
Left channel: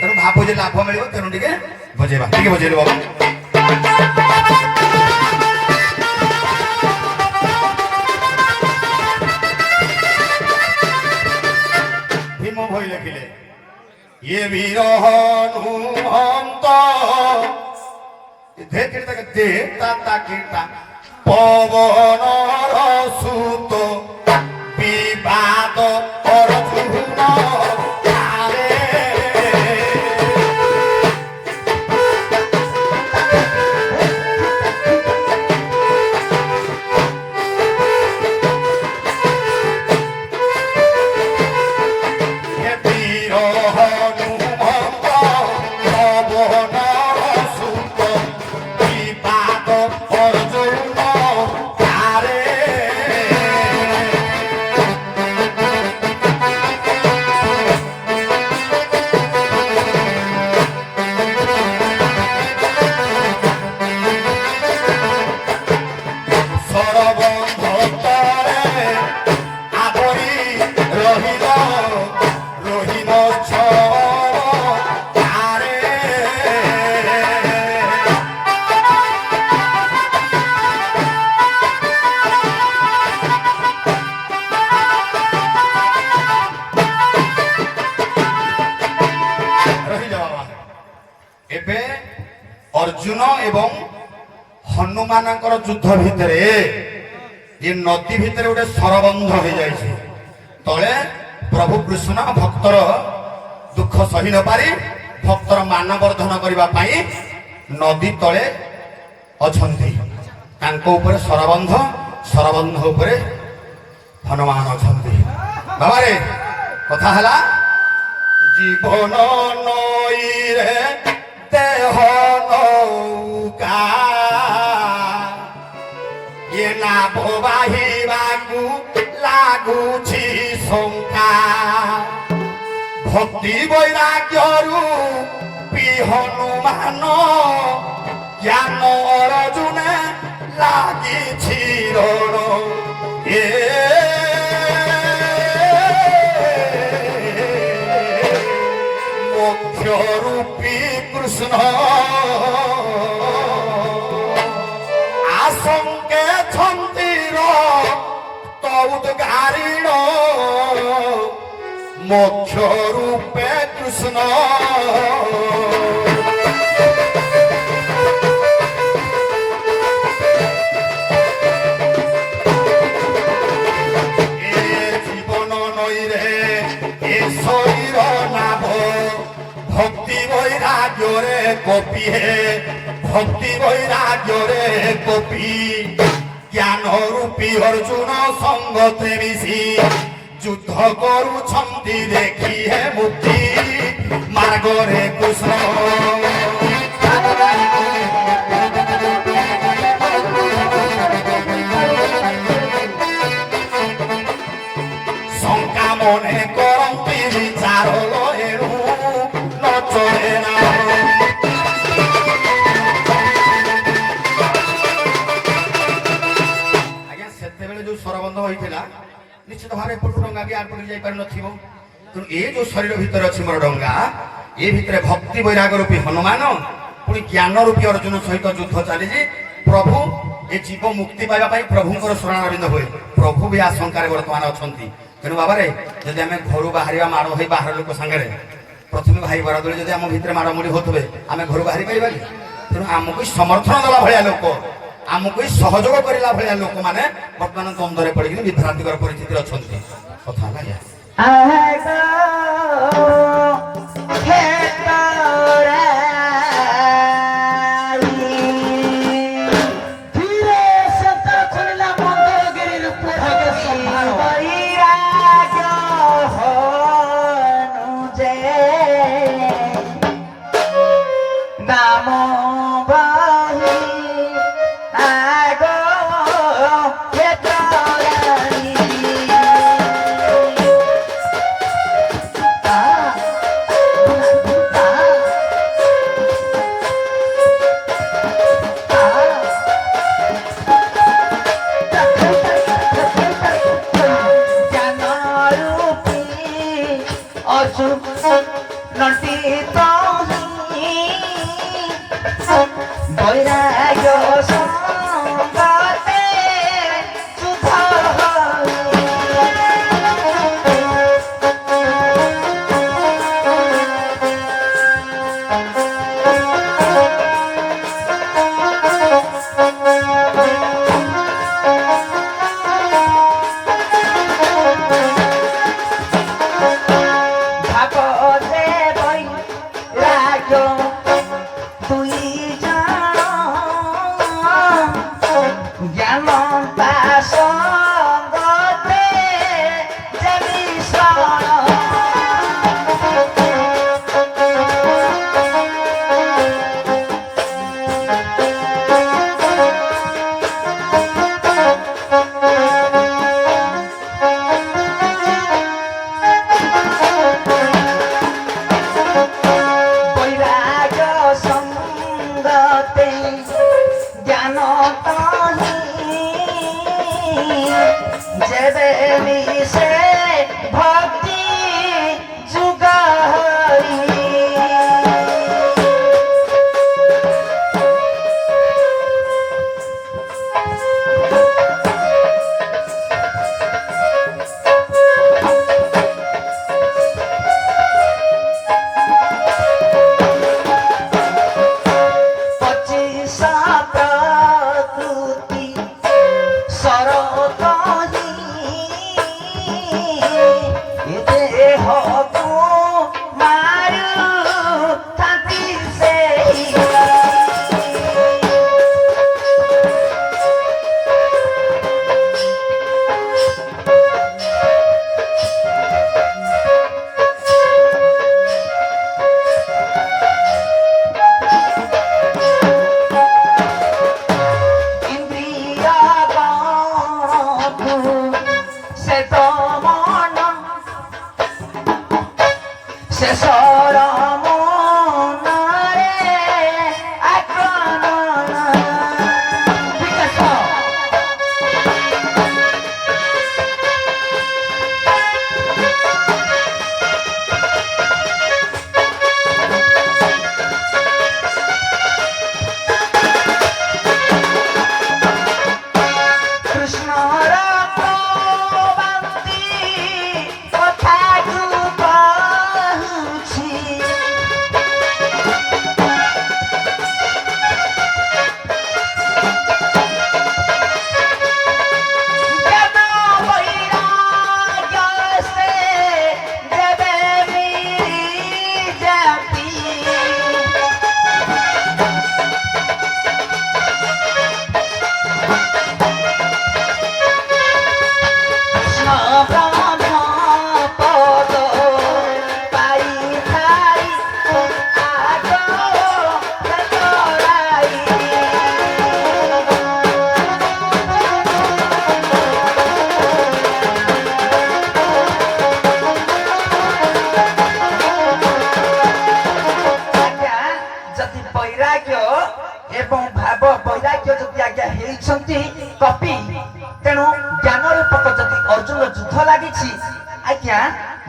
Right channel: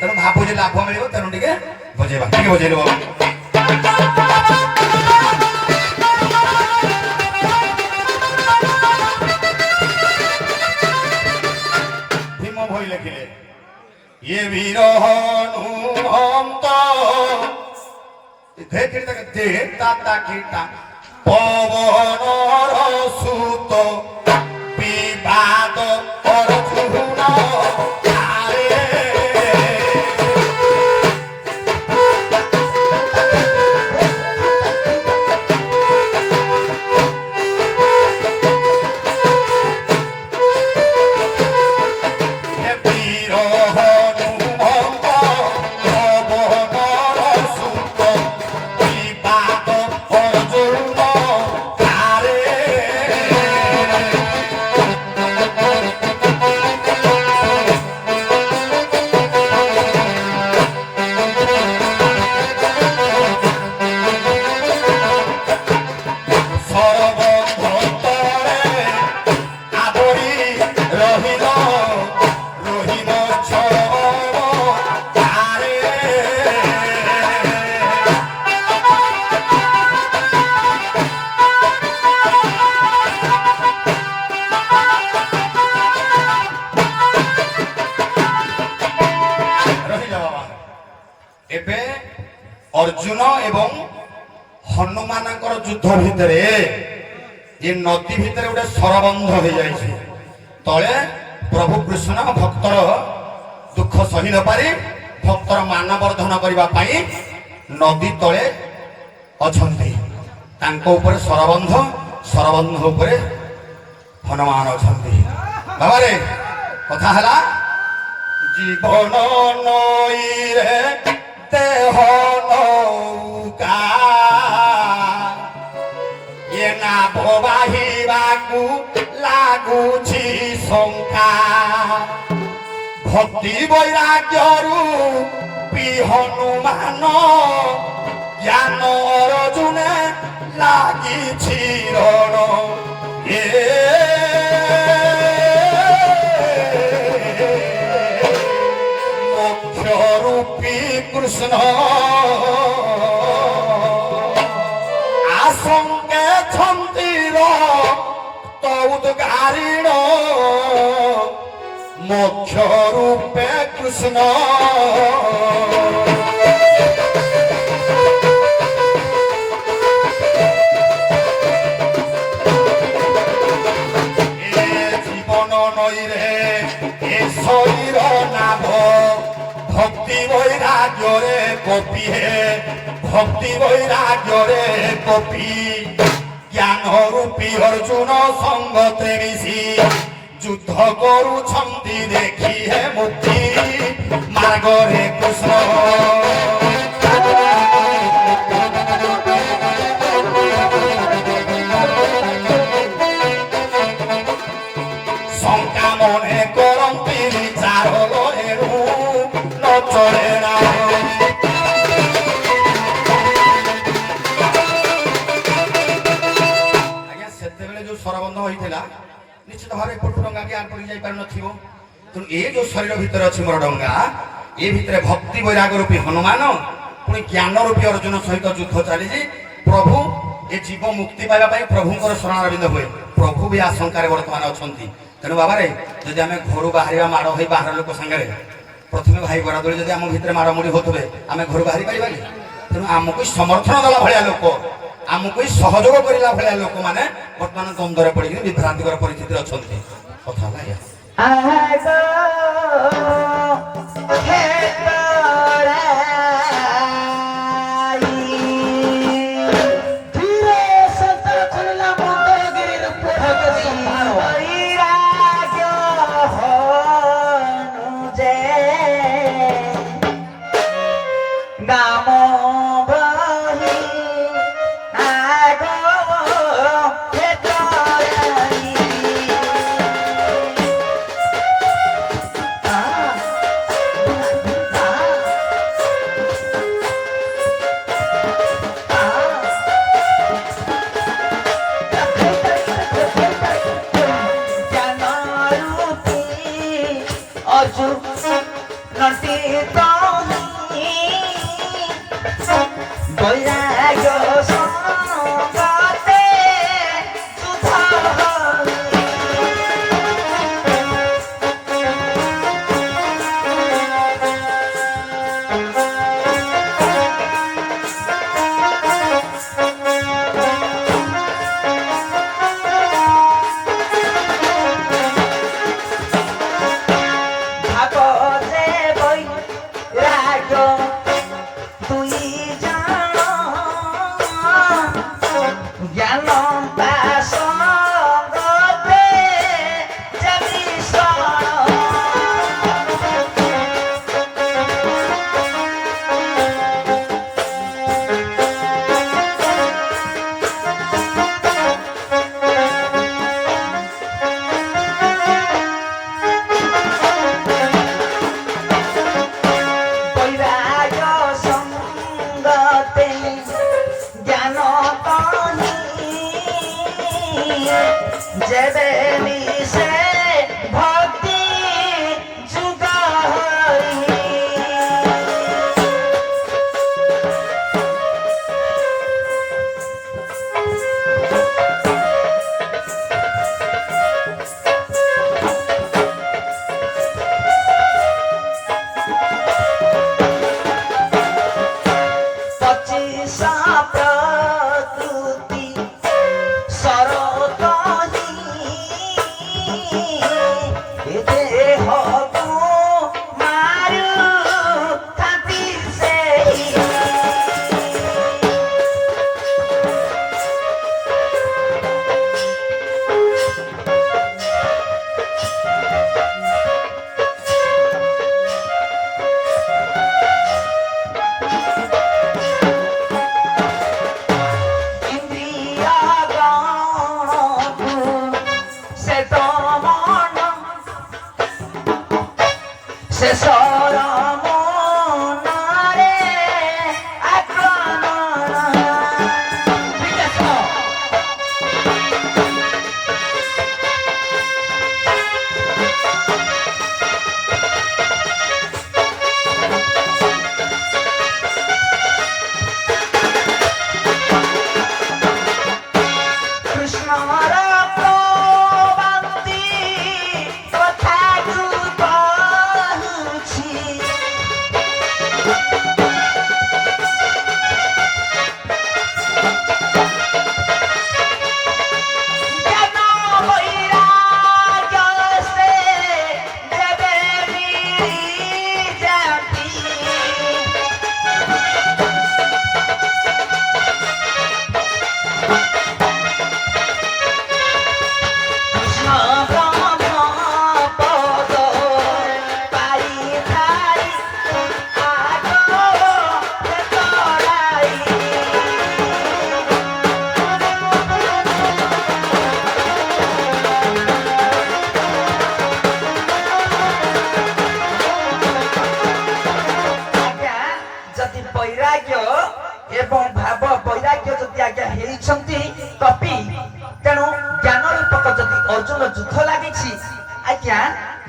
तेणु भाव जे लाभ मिल तेणु टे बजेवा टे बजेल भीम भई लिखिले ये विरह नुहंत पवन सुत विवाद अर्जुन एबे अर्जुन एवं हनुमान युद्ध भितर ये नदी भितर गोटे सरबंध हो जाए तले प्रभु कृष्ण भक्तर दुख सही न पारी भक्तर मानवर्धन करने नदी तले अछंती तांको ऊपर सरबंध सरबंध ऊपर हनुमान अछंती बाबा रे कथा हला जीवन नई रे देह नौका ये नाभ बाहिबाकू लागुछि शंका भक्ति वैराग्यरू पी हनुमान ज्ञान अर्जुन लागिछि रण ए रूपी कृष्ण आशंके छंतीर तौदगारिण मोक्ष रूपे कृष्ण जीवन नई रे ए शरीर नाभ भक्ति वैराग्य रे कपि हे भक्ति वैराग्य रे कपि ज्ञान रूपी अर्जुन संगते मिशी युद्ध करुछंती देखी हे मुक्ति मार्ग रे कृष्ण शंका मने करंती विचार लएणु चले ना आज्ञा सेते बेले जो सरबंध होइथिला निश्चित भावे पटु डंगा के आटोरी जाई पार नथिबो तेणु ए जो शरीर भीतर अछि मोर डंगा ए भितर भक्ति वैराग रूपी हनुमान पुणी ज्ञान रूपी अर्जुन सहित युद्ध चली प्रभु ଏ ଜୀବ ମୁକ୍ତି ପାଇବା ପାଇଁ ପ୍ରଭୁଙ୍କର ଶରଣାରବିନ୍ଦ ହୁଏ। ପ୍ରଭୁ ବି ଆଶଙ୍କାରେ ବର୍ତ୍ତମାନ ଅଛନ୍ତି। ତେଣୁ ବାବାରେ ଯଦି ଆମେ ଘରୁ ବାହାରିବା ମାଡ଼ ହୋଇ ବାହାର ଲୋକ ସାଙ୍ଗରେ ପ୍ରଥମେ ଭାଇ ବରାଦଳି ଯଦି ଆମ ଭିତରେ ମାଡ଼ମୁଡ଼ି ହଉଥିବେ ଆମେ ଘରୁ ବାହାରି ପାରିବା କି? ତେଣୁ ଆମକୁ ସମର୍ଥନ ଦେବା ଭଳିଆ ଲୋକ, ଆମକୁ ସହଯୋଗ କରିଲା ଭଳିଆ ଲୋକମାନେ ବର୍ତ୍ତମାନ ଦ୍ୱନ୍ଦ୍ୱରେ ପଡ଼ିକି ବିଭ୍ରାନ୍ତିକର ପରିସ୍ଥିତିରେ ଅଛନ୍ତି। କଥା ହେଲା ଏଇଆ।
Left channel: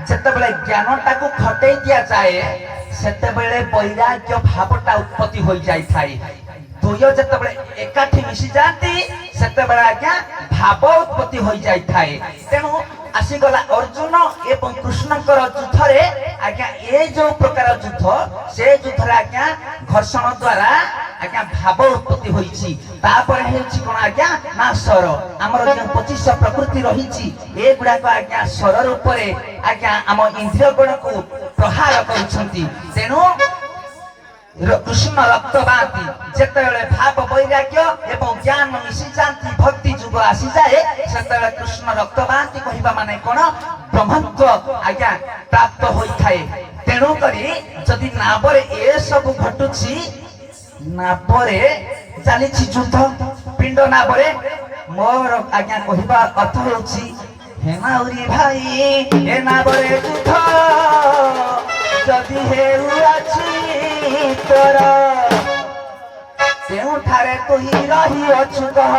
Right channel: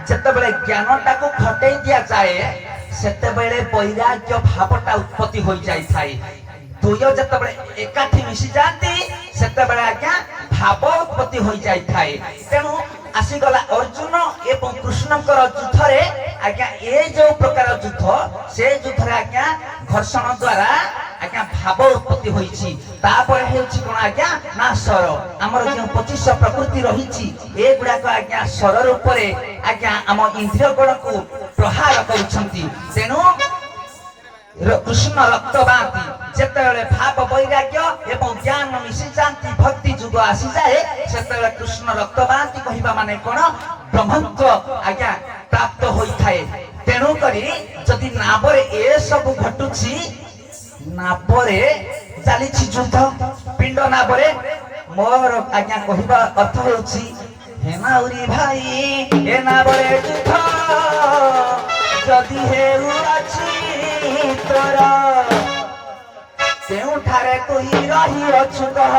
যেতবে জ্ঞানটাকে খটাই দিয়া যায় সেতবে বৈরাগ্য ভাবটা উৎপত্তি হয়ে যাই থাকে। দুই ଦୁହ୍ୟ ଯେତେବେଳେ ଏକାଠି ମିଶି ଯାଆନ୍ତି ସେତେବେଳେ ଆଜ୍ଞା ଭାବ ଉତ୍ପତ୍ତି ହୋଇଯାଇଥାଏ। ତେଣୁ ଆସିଗଲା ଅର୍ଜୁନ ଏବଂ କୃଷ୍ଣଙ୍କର ଯୁଦ୍ଧରେ ଆଜ୍ଞା ଏ ଯୋଉ ପ୍ରକାର ଯୁଦ୍ଧ ସେ ଯୁଦ୍ଧରେ ଆଜ୍ଞା ଘର୍ଷଣ ଦ୍ୱାରା ଆଜ୍ଞା ଭାବ ଉତ୍ପତ୍ତି ହୋଇଛି। ତାପରେ ହେଉଛି କଣ ଆଜ୍ଞା ନା ସ୍ୱର। ଆମର ଯେଉଁ 25 ପ୍ରକୃତି ରହିଛି ଏଗୁଡାକ ଆଜ୍ଞା ସ୍ୱର ରୂପରେ ଆଜ୍ଞା ଆମ ଇନ୍ଦ୍ରିୟ ଗୁଣକୁ ପ୍ରହାର କରୁଛନ୍ତି। ତେଣୁ କୃଷ୍ଣ ରକ୍ତ ବାନ୍ତି ଯେତେବେଳେ ଭାବ ବୈରାଗ୍ୟ ଏବଂ ଜ୍ଞାନ ମିଶି ଯାଆନ୍ତି ଭକ୍ତି ଯୁଗ ଆସିଯାଏ ସେତେବେଳେ କୃଷ୍ଣ ରକ୍ତ ବାନ୍ତି କହିବା ମାନେ କଣ ବ୍ରହ୍ମତ୍ୱ ଆଜ୍ଞା ପ୍ରାପ୍ତ ହୋଇଥାଏ। ତେଣୁ କରି ଯଦି ନାବରେ ଏସବୁ ଘଟୁଛି ନାବରେ ଚାଲିଛି ଯୁଦ୍ଧ ପିଣ୍ଡ ନାବରେ ମୋର ଆଜ୍ଞା କହିବା ଅର୍ଥ ହେଉଛି ହେମାଉରି ଭାଇ ଏ ନାବରେ ଯୁଦ୍ଧ ଯଦି ହେଉଅଛି ତୋର କେଉଁଠାରେ ତୁ ରହିଅଛୁ କହ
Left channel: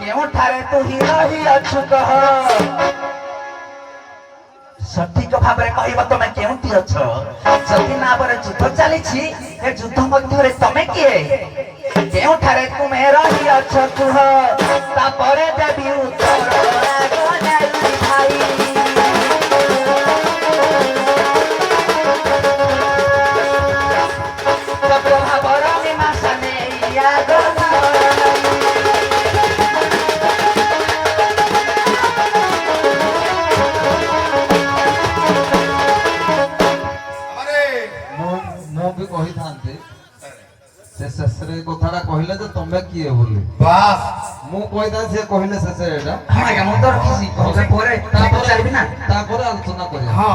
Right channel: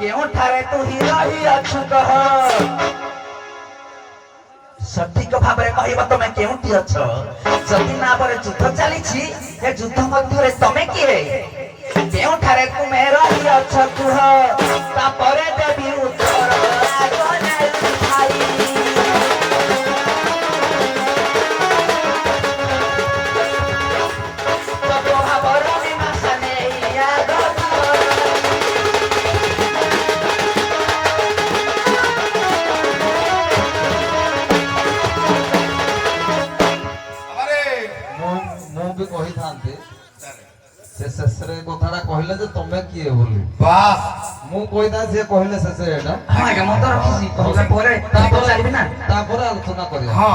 କେଉଁଠାରେ ତୁ ରହିଅଛୁ କହ ସଠିକ ଭାବରେ କହିବ ତମେ କେଉଁଠି ଅଛ। ଯଦି ନାବରେ ଯୁଦ୍ଧ ଚାଲିଛି ଏ ଯୁଦ୍ଧ ମଧ୍ୟରେ ତମେ କିଏ କେଉଁଠାରେ ତୁମେ ରହିଅଛ କୁହ ତାପରେ ଦେବି ଉତ୍ତର ଭାଇ ମୁଁ ବି କହିଥାନ୍ତି ସେ ଶେଷରେ କଥାଟା କହିଲେ ଯେ ତମେ କିଏ ବୋଲି ବାସ୍ ମୁଁ କହିଥାନ୍ତି ସେ କହିଲେ ଶେଷରେ ଏଇଟା ଆଜ୍ଞା ମୁଁ ତ ରଖିଛି କହିଲେ ପରେ ଚାଲିବି ନା ତାପରେ ଆଲୋଚନା କରିବା। ହଁ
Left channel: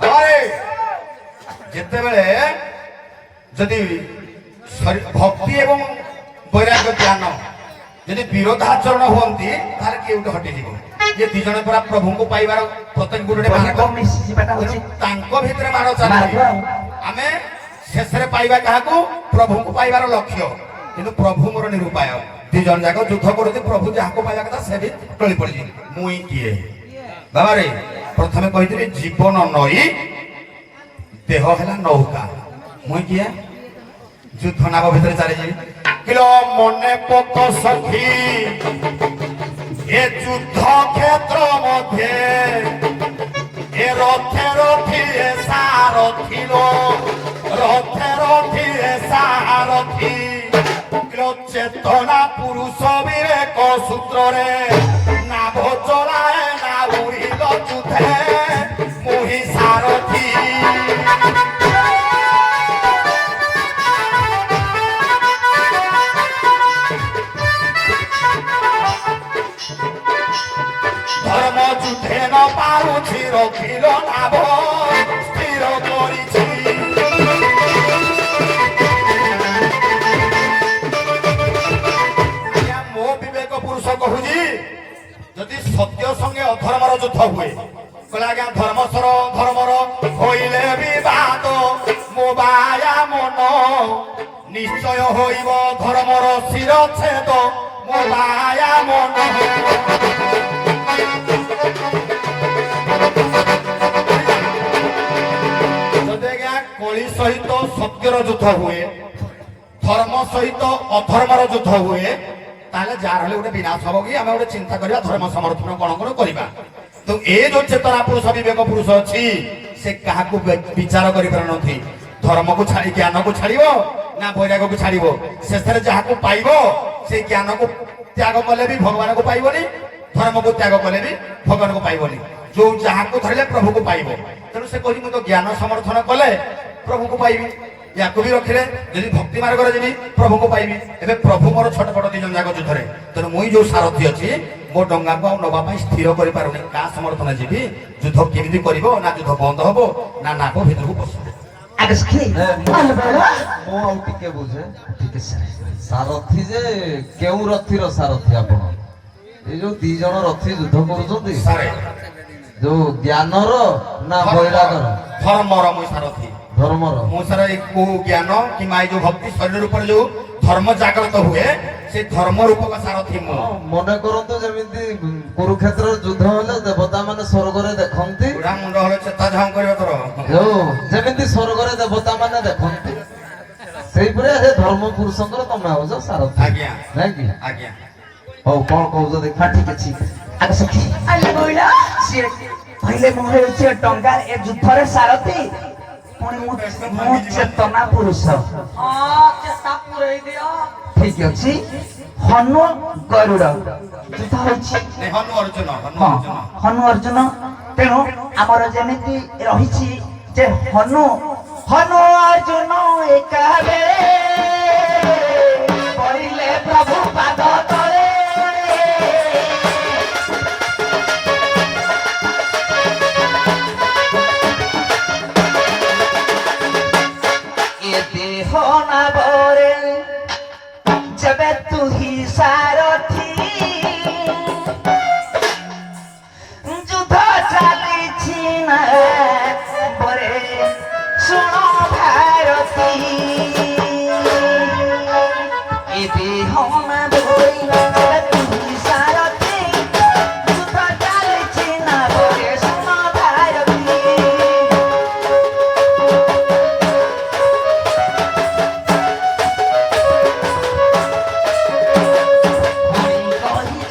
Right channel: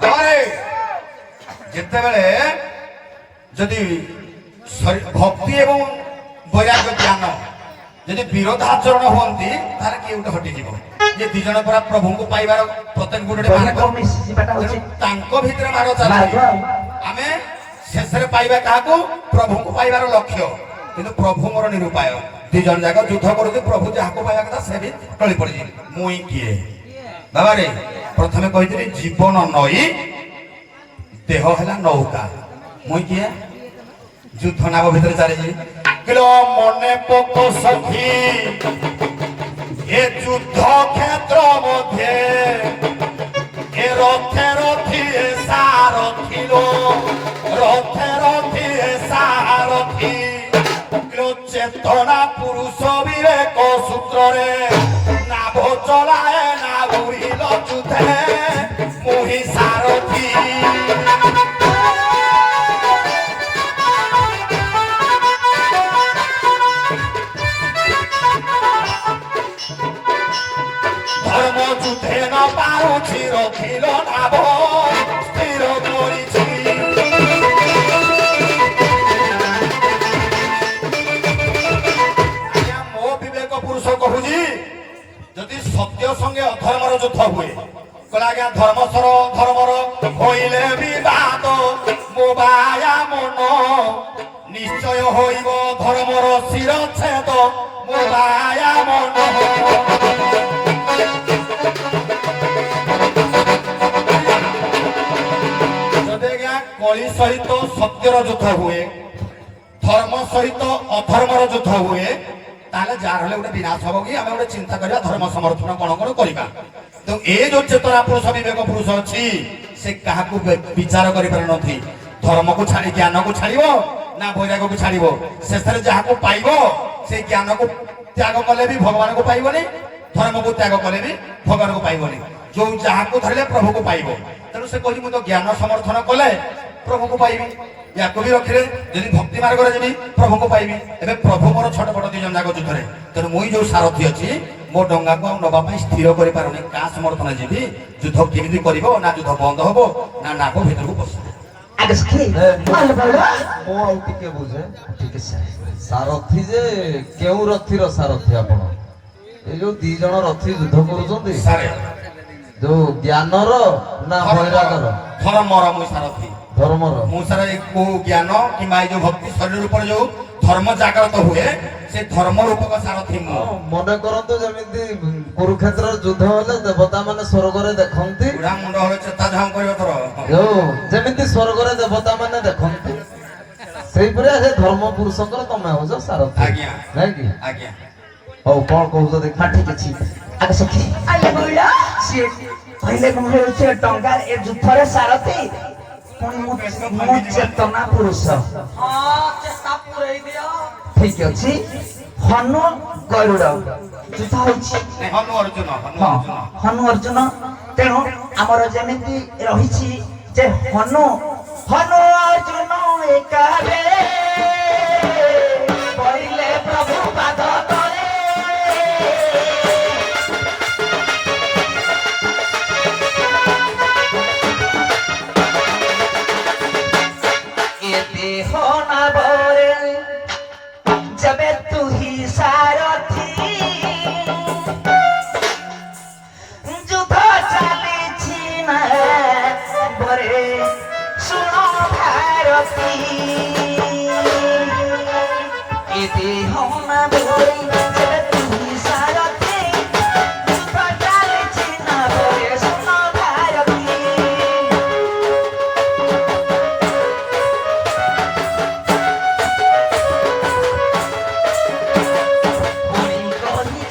ତାପରେ ଯେତେବେଳେ ଯଦି ଭକ୍ତି ଏବଂ ବୈରାଗ୍ୟ ଜ୍ଞାନ ଯଦି ବିରୋଧାଚରଣ ହୁଅନ୍ତି ତାହେଲେ କିଏ ଗୋଟେ ହଟିଯିବ। ଯେ ଦି ଜଣ ପୁରା ପ୍ରଭୁଙ୍କୁ ପାଇବାର ପ୍ରତ୍ୟେକ ଗୋଟେ ତେଣୁ ତାଙ୍କ ଭିତରେ ମାଡ଼ ଚାଲିଛି। ଆମେ ଶେଷରେ ପାଇବା କାହାକୁ ପ୍ରଭୁଙ୍କୁ ପାଇବାର ଲକ୍ଷ୍ୟ କିନ୍ତୁ ପ୍ରଭୁ ମୋର ନିରୁପାୟ। ଦି ଜଣ ଯାକ ଯୁଦ୍ଧ କରୁଛି ପ୍ରଭୁ ଯାହାକୁ ପାଇବା କଥା ସେ ବି ଟଳି ପଡିଛି। ମୁଇଁ କିଏ ବାବାରେ ପ୍ରଥମେ କହିଥିଲି ଜୀବନ ନଈ ଦେହ ହେଲା ନୌକା ମୁଇଁ କିଏ ଯୁଦ୍ଧ ନାବ ଭିତରେ ଚାଲିଛି କିଲୋ ମନେ ପକ ସଖୀ ଏ ଯୁଦ୍ଧ କ୍ଷେତ୍ର ମଧ୍ୟରେ ଏ ରଥେ ରଥି ଏ ସାରଥିଲ ରଥେ ରଥି ଏ ସାରଥି କିଲୋ ଚେତନା ପୁରୁଷ ବିବେକ ସୂତ୍ରରେ ନାଭ ଚଳାଏ ନା ଉଡ଼ିଲ ଯୁଦ୍ଧେ ମୁହିଁ ସାରଥି ধর্ম যুদ্ধে ন পারুছি রখিল নাভ স্থির করিছি মো বিবেক পুরুষ কহুছি যদি সত্য সঙ্গে অধর্মর যুদ্ধ হুয়ে কলে আজ্ঞা ধর্মসর ধর্মর হইলে বিবাদ মো বায়া মন নিশ্চয় হইব ধর্মর শিরচ্ছেদ মো বায়া মন কলি সহিত সত্যর যুদ্ধ হুয়ে ধর্ম সহিত অধর্মর যুদ্ধ হুয়ে তাহলে যার হলে গোটে বিনাশ হব কি আমি গোটে চিন্তা করিবা ধর্ম সমর্থন কোন কোন করিবা তো এই যে চেতনা পুরুষ বিবেক পুরুষ অছি সে কাহাকু বিচার করি পার নথি ধর্মকু ছাড়ি জ্ঞানকু ছাড়িব না বৈরাগ্যকু ছাড়িব শেষে যাহাকু পাইব সেই জ্ঞানকু ত্যাগ কলে বি ভগবানকু পাইবনি ধর্মকু ত্যাগ কলে বি ভগবানকু পাইবনি जो जहां धरले प्रभु को पाइब तेणु से कही तो ज्ञान समर्थन कले प्रभु को पाइबी या भी रखिले यदि भक्ति मार्ग जी प्रभु को पाइबी एबे प्रभु मोर छोट छोट दी जन जाक युद्धरे तेणु मुई जो सारथी अच्छी मो डंगा को नवा स्थिर कर पारुनी का समर्थन जीवी युद्ध केमी कर ना युद्ध बंद हम ना नाभ भीतर को पस ମୁଁ ଟିକେ ବୁଝେ ସାରଥି ଯେ କେଉଁ ରଥିର ସାରଥି ଆପଣ ଏ ଯୋଉ ଦି ଜଣ ରଥି ଯୁଦ୍ଧ କରୁଛନ୍ତି ଯୋଉ ଜ୍ଞାନର ନା ବୈରାଗର ଧର୍ମର ମୁଇଁ ସାରଥି ଧର୍ମର ମୁଁ ସାରା କୋ ଜ୍ଞାନ କିମ୍ବା ଏ ଯୋଉ ଭକ୍ତି ଶରୀର ଉପରେ ଯୋଉ ଧର୍ମ ଜାଗ୍ରତ ହୁଏ ସେ ଧର୍ମ ରୂପକ ସାରଥି ମୁଁ ମନେ କରନ୍ତୁ ଯେମିତି କୁରୁକ୍ଷେତ୍ର ଯୁଦ୍ଧ ହେଲେ ଦେବତା ମାନେ ସ୍ୱର୍ଗରେ ଦେଖନ୍ତି ବୁଢା ମୁଣ୍ଡ ହେଲେ ଚେତା ଝାଉଁ କରିବ ତୋର ଯୋଉ ଯେମିତି ସ୍ୱର୍ଗରେ ଦେବତା ମାନେ ଦେଖନ୍ତି ସେଇପରି ସେ ଧର୍ମ ପୁରୁଷଙ୍କର ତମେ ହଉଛ ସାରଥି ଆଜ୍ଞା ନାଇଁ କି? ଆଜ୍ଞା ହଉ କଣ କହୁଛ ଦେଖ? ହଁ ଠିକ ଅଛି ଆଗ ସଖୀ ଆଇଲେ କହିଲା ସିଏ କହିଲେ ମୁଁ ହେଉଛି ଟଙ୍କା ଏ ଯୁଦ୍ଧରେ ସାରଥି ପୁଣି ମୁଁ ଚେତନା ପୁରୁଷ ଠିକ ଅଛି ହନୁ ଗରୁଡ ଯୁଦ୍ଧ ହଉଛି ହନୁ ଅର୍ଜୁନ ହଁ ହନୁ ଅର୍ଜୁନ ତେଣୁ ଆମର ଯେମିତି ରହିଛି ଯେ ହନୁ ଅର୍ଜୁନ ଏକାବେଳେ ପଡ଼ିଲେ ପ୍ରଭୁ ପାଦ ତଳେ ଏ ଦେହ ନାବରେ ଯେବେ ତୁ ହି ସାରଥି ଯୁଦ୍ଧ ଚାଲିଛି ନା ବରେ ଶୁଣ ଭାରତୀ ଏ ଦେହ ନାବରେ ଯେବେ ତୁ ହି ସାରଥି ଯୁଦ୍ଧ ଚାଲିଛି ନା ବରେ ଶୁଣ ଭାରତୀ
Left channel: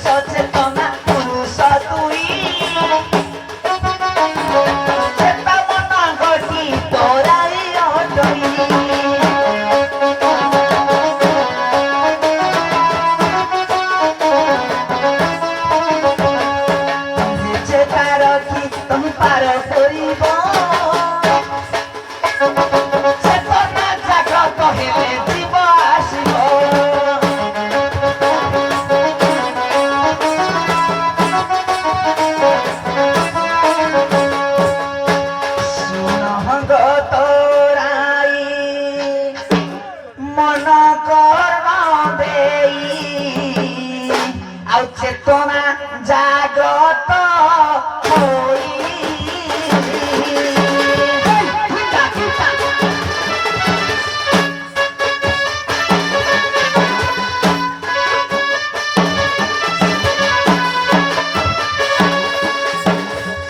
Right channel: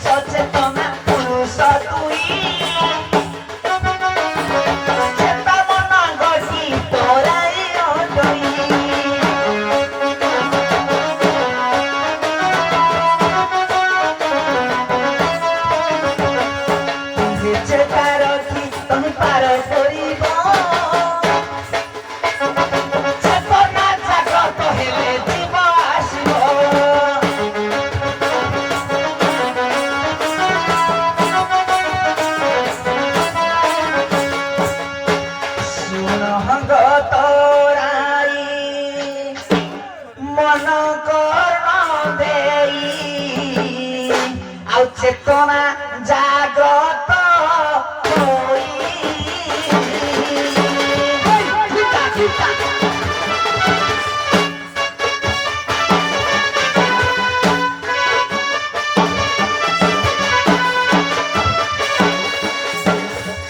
সচেতনা পুরুষ তুই চেতা মন গতি তোরাই অদই তুমি চেতা রখি তুমি পার করিব চেতনা জাগ্রত হেলে জীব আসিব তোরাই মন কর্ম দেই আউ চেতনা জাগ্রত হই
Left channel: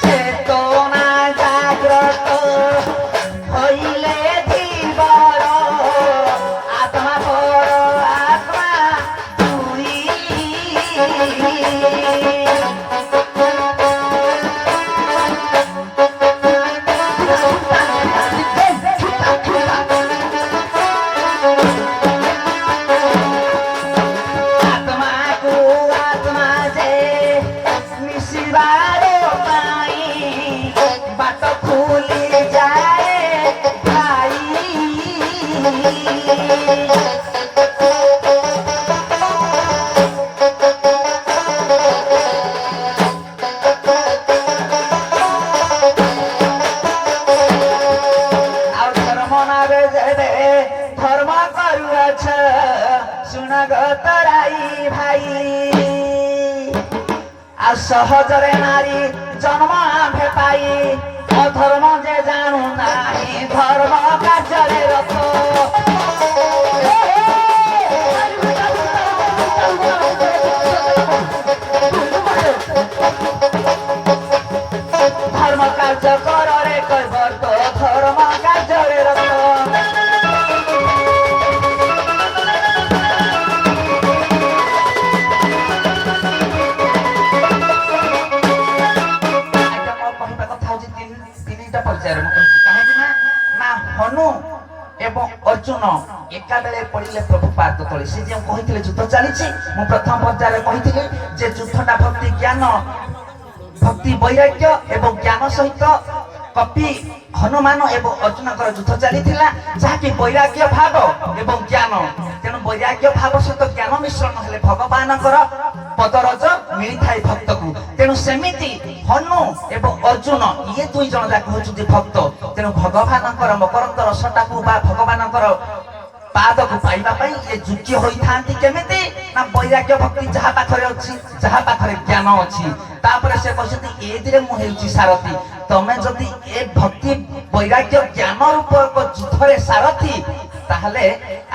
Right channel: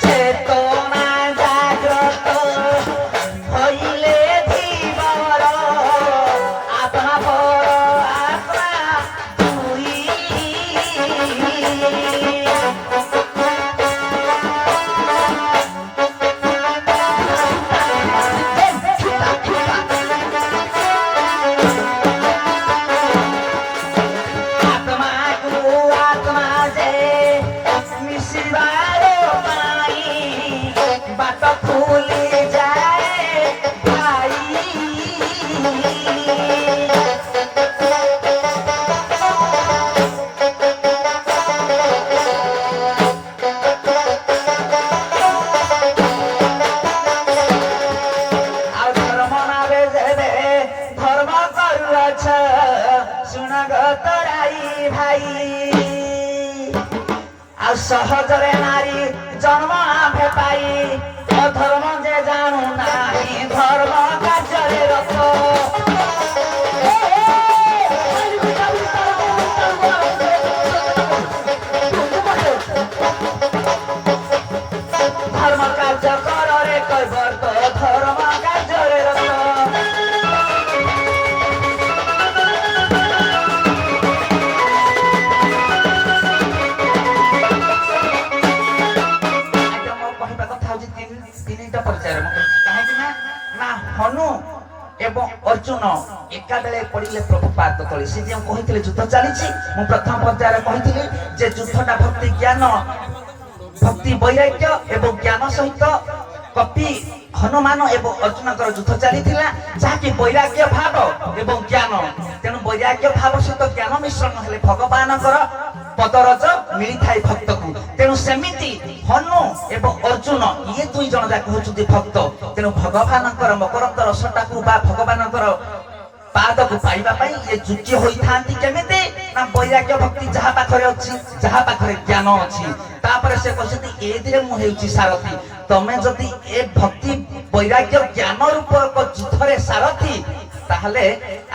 চেতনা জাগ্রত হইলে জীবর আত্মা পর আত্মা তুই আত্মাকু আত্মা যে মিশিবার পাই বাট খুলি যায় ভাই ଆଉ ଧର୍ମ ନାରେ ଯେବେ ଧର୍ମ କରୁଅଛ ଶୁଣ ଗତରାଇ ଭାଇ ଆଉ ସହଜରେ ନାରୀ ଜନ୍ମ ଆମ୍ଭେ ପାଇ ଅଧର୍ମ ଯେ ଜାଣୁ ନାହିଁ ଧର୍ମ କାର୍ଯ୍ୟରେ ରଥ ଧର୍ମ କାର୍ଯ୍ୟ କରରେ କୈବର୍ତ ଧର୍ମ କାର୍ଯ୍ୟରେ ରଥ କହିବା କଥା ହଉଛି ତିନିଟା ପର୍ଯ୍ୟାୟରେ ମୁଁ କହିଛି କାହିଁକି ନା ହନୁ ଏବଂ ଅର୍ଜୁନ ଏକା ବେଳେ ପଡ଼ିଲେ ପ୍ରଭୁ ପାଦ ତଳେ ସେ ଯେଉଁ କହିଥିଲେ ଯୁଦ୍ଧ ଚାଲିଛି ମୁଁ ପ୍ରଥମ ପର୍ଯ୍ୟାୟରେ କହିଥିଲି ଯେ ଯୁଦ୍ଧଟା ଭକ୍ତି ଜ୍ଞାନ ଭକ୍ତି ବୈରାଗ୍ୟ ଏବଂ ଜ୍ଞାନ ସହିତ କପି ହନୁମାନ ଏବଂ ଅର୍ଜୁନଙ୍କର ଯୁଦ୍ଧ ଚାଲିଥିଲା ଯାହାକି ବୈରାଗ୍ୟ ଭାବ ଏବଂ ଜ୍ଞାନ ତେଣୁ ବୈରାଗ୍ୟ ଭାବ ସହିତ ଜ୍ଞାନ ମିଶ୍ରଣ ହେଲେ ଭଗବାନଙ୍କର ପଦରଜ ମିଳିଥାଏ ଭକ୍ତକୁ ତେଣୁ ସେମିତି ହନୁ ଏବଂ ଅର୍ଜୁନ ଇଏ ଦୁଇ ଜଣ ଯାକ ହେଉଛନ୍ତି ଭକ୍ତ ତେଣୁ ଭଗବାନଙ୍କର ମକରନ୍ଦ ରସଟାକୁ ବା ଭଗବାନଙ୍କର ପାଦକୁ ପାଇବା ପାଇଁ ଏ ଯୁକ୍ତି ହୋଇଥାନ୍ତି କେମିତି ନା ବୈରାଗ୍ୟ ଭକ୍ତି ଯାହା ପାଖରେ ଅଛି ଯାହା ପାଖରେ ଜ୍ଞାନ ଅଛି ତାପରେ ସେ କହିଛନ୍ତି ଏଥିରେ ମୁଁ ହେଉଛି ସାରଥି ତମେ ଯଦି ଏ ଭକ୍ତି ବୈରାଗ୍ୟ ଜ୍ଞାନ ରୂପକ ଯୁଦ୍ଧରେ ସାରଥି ତାହେଲେ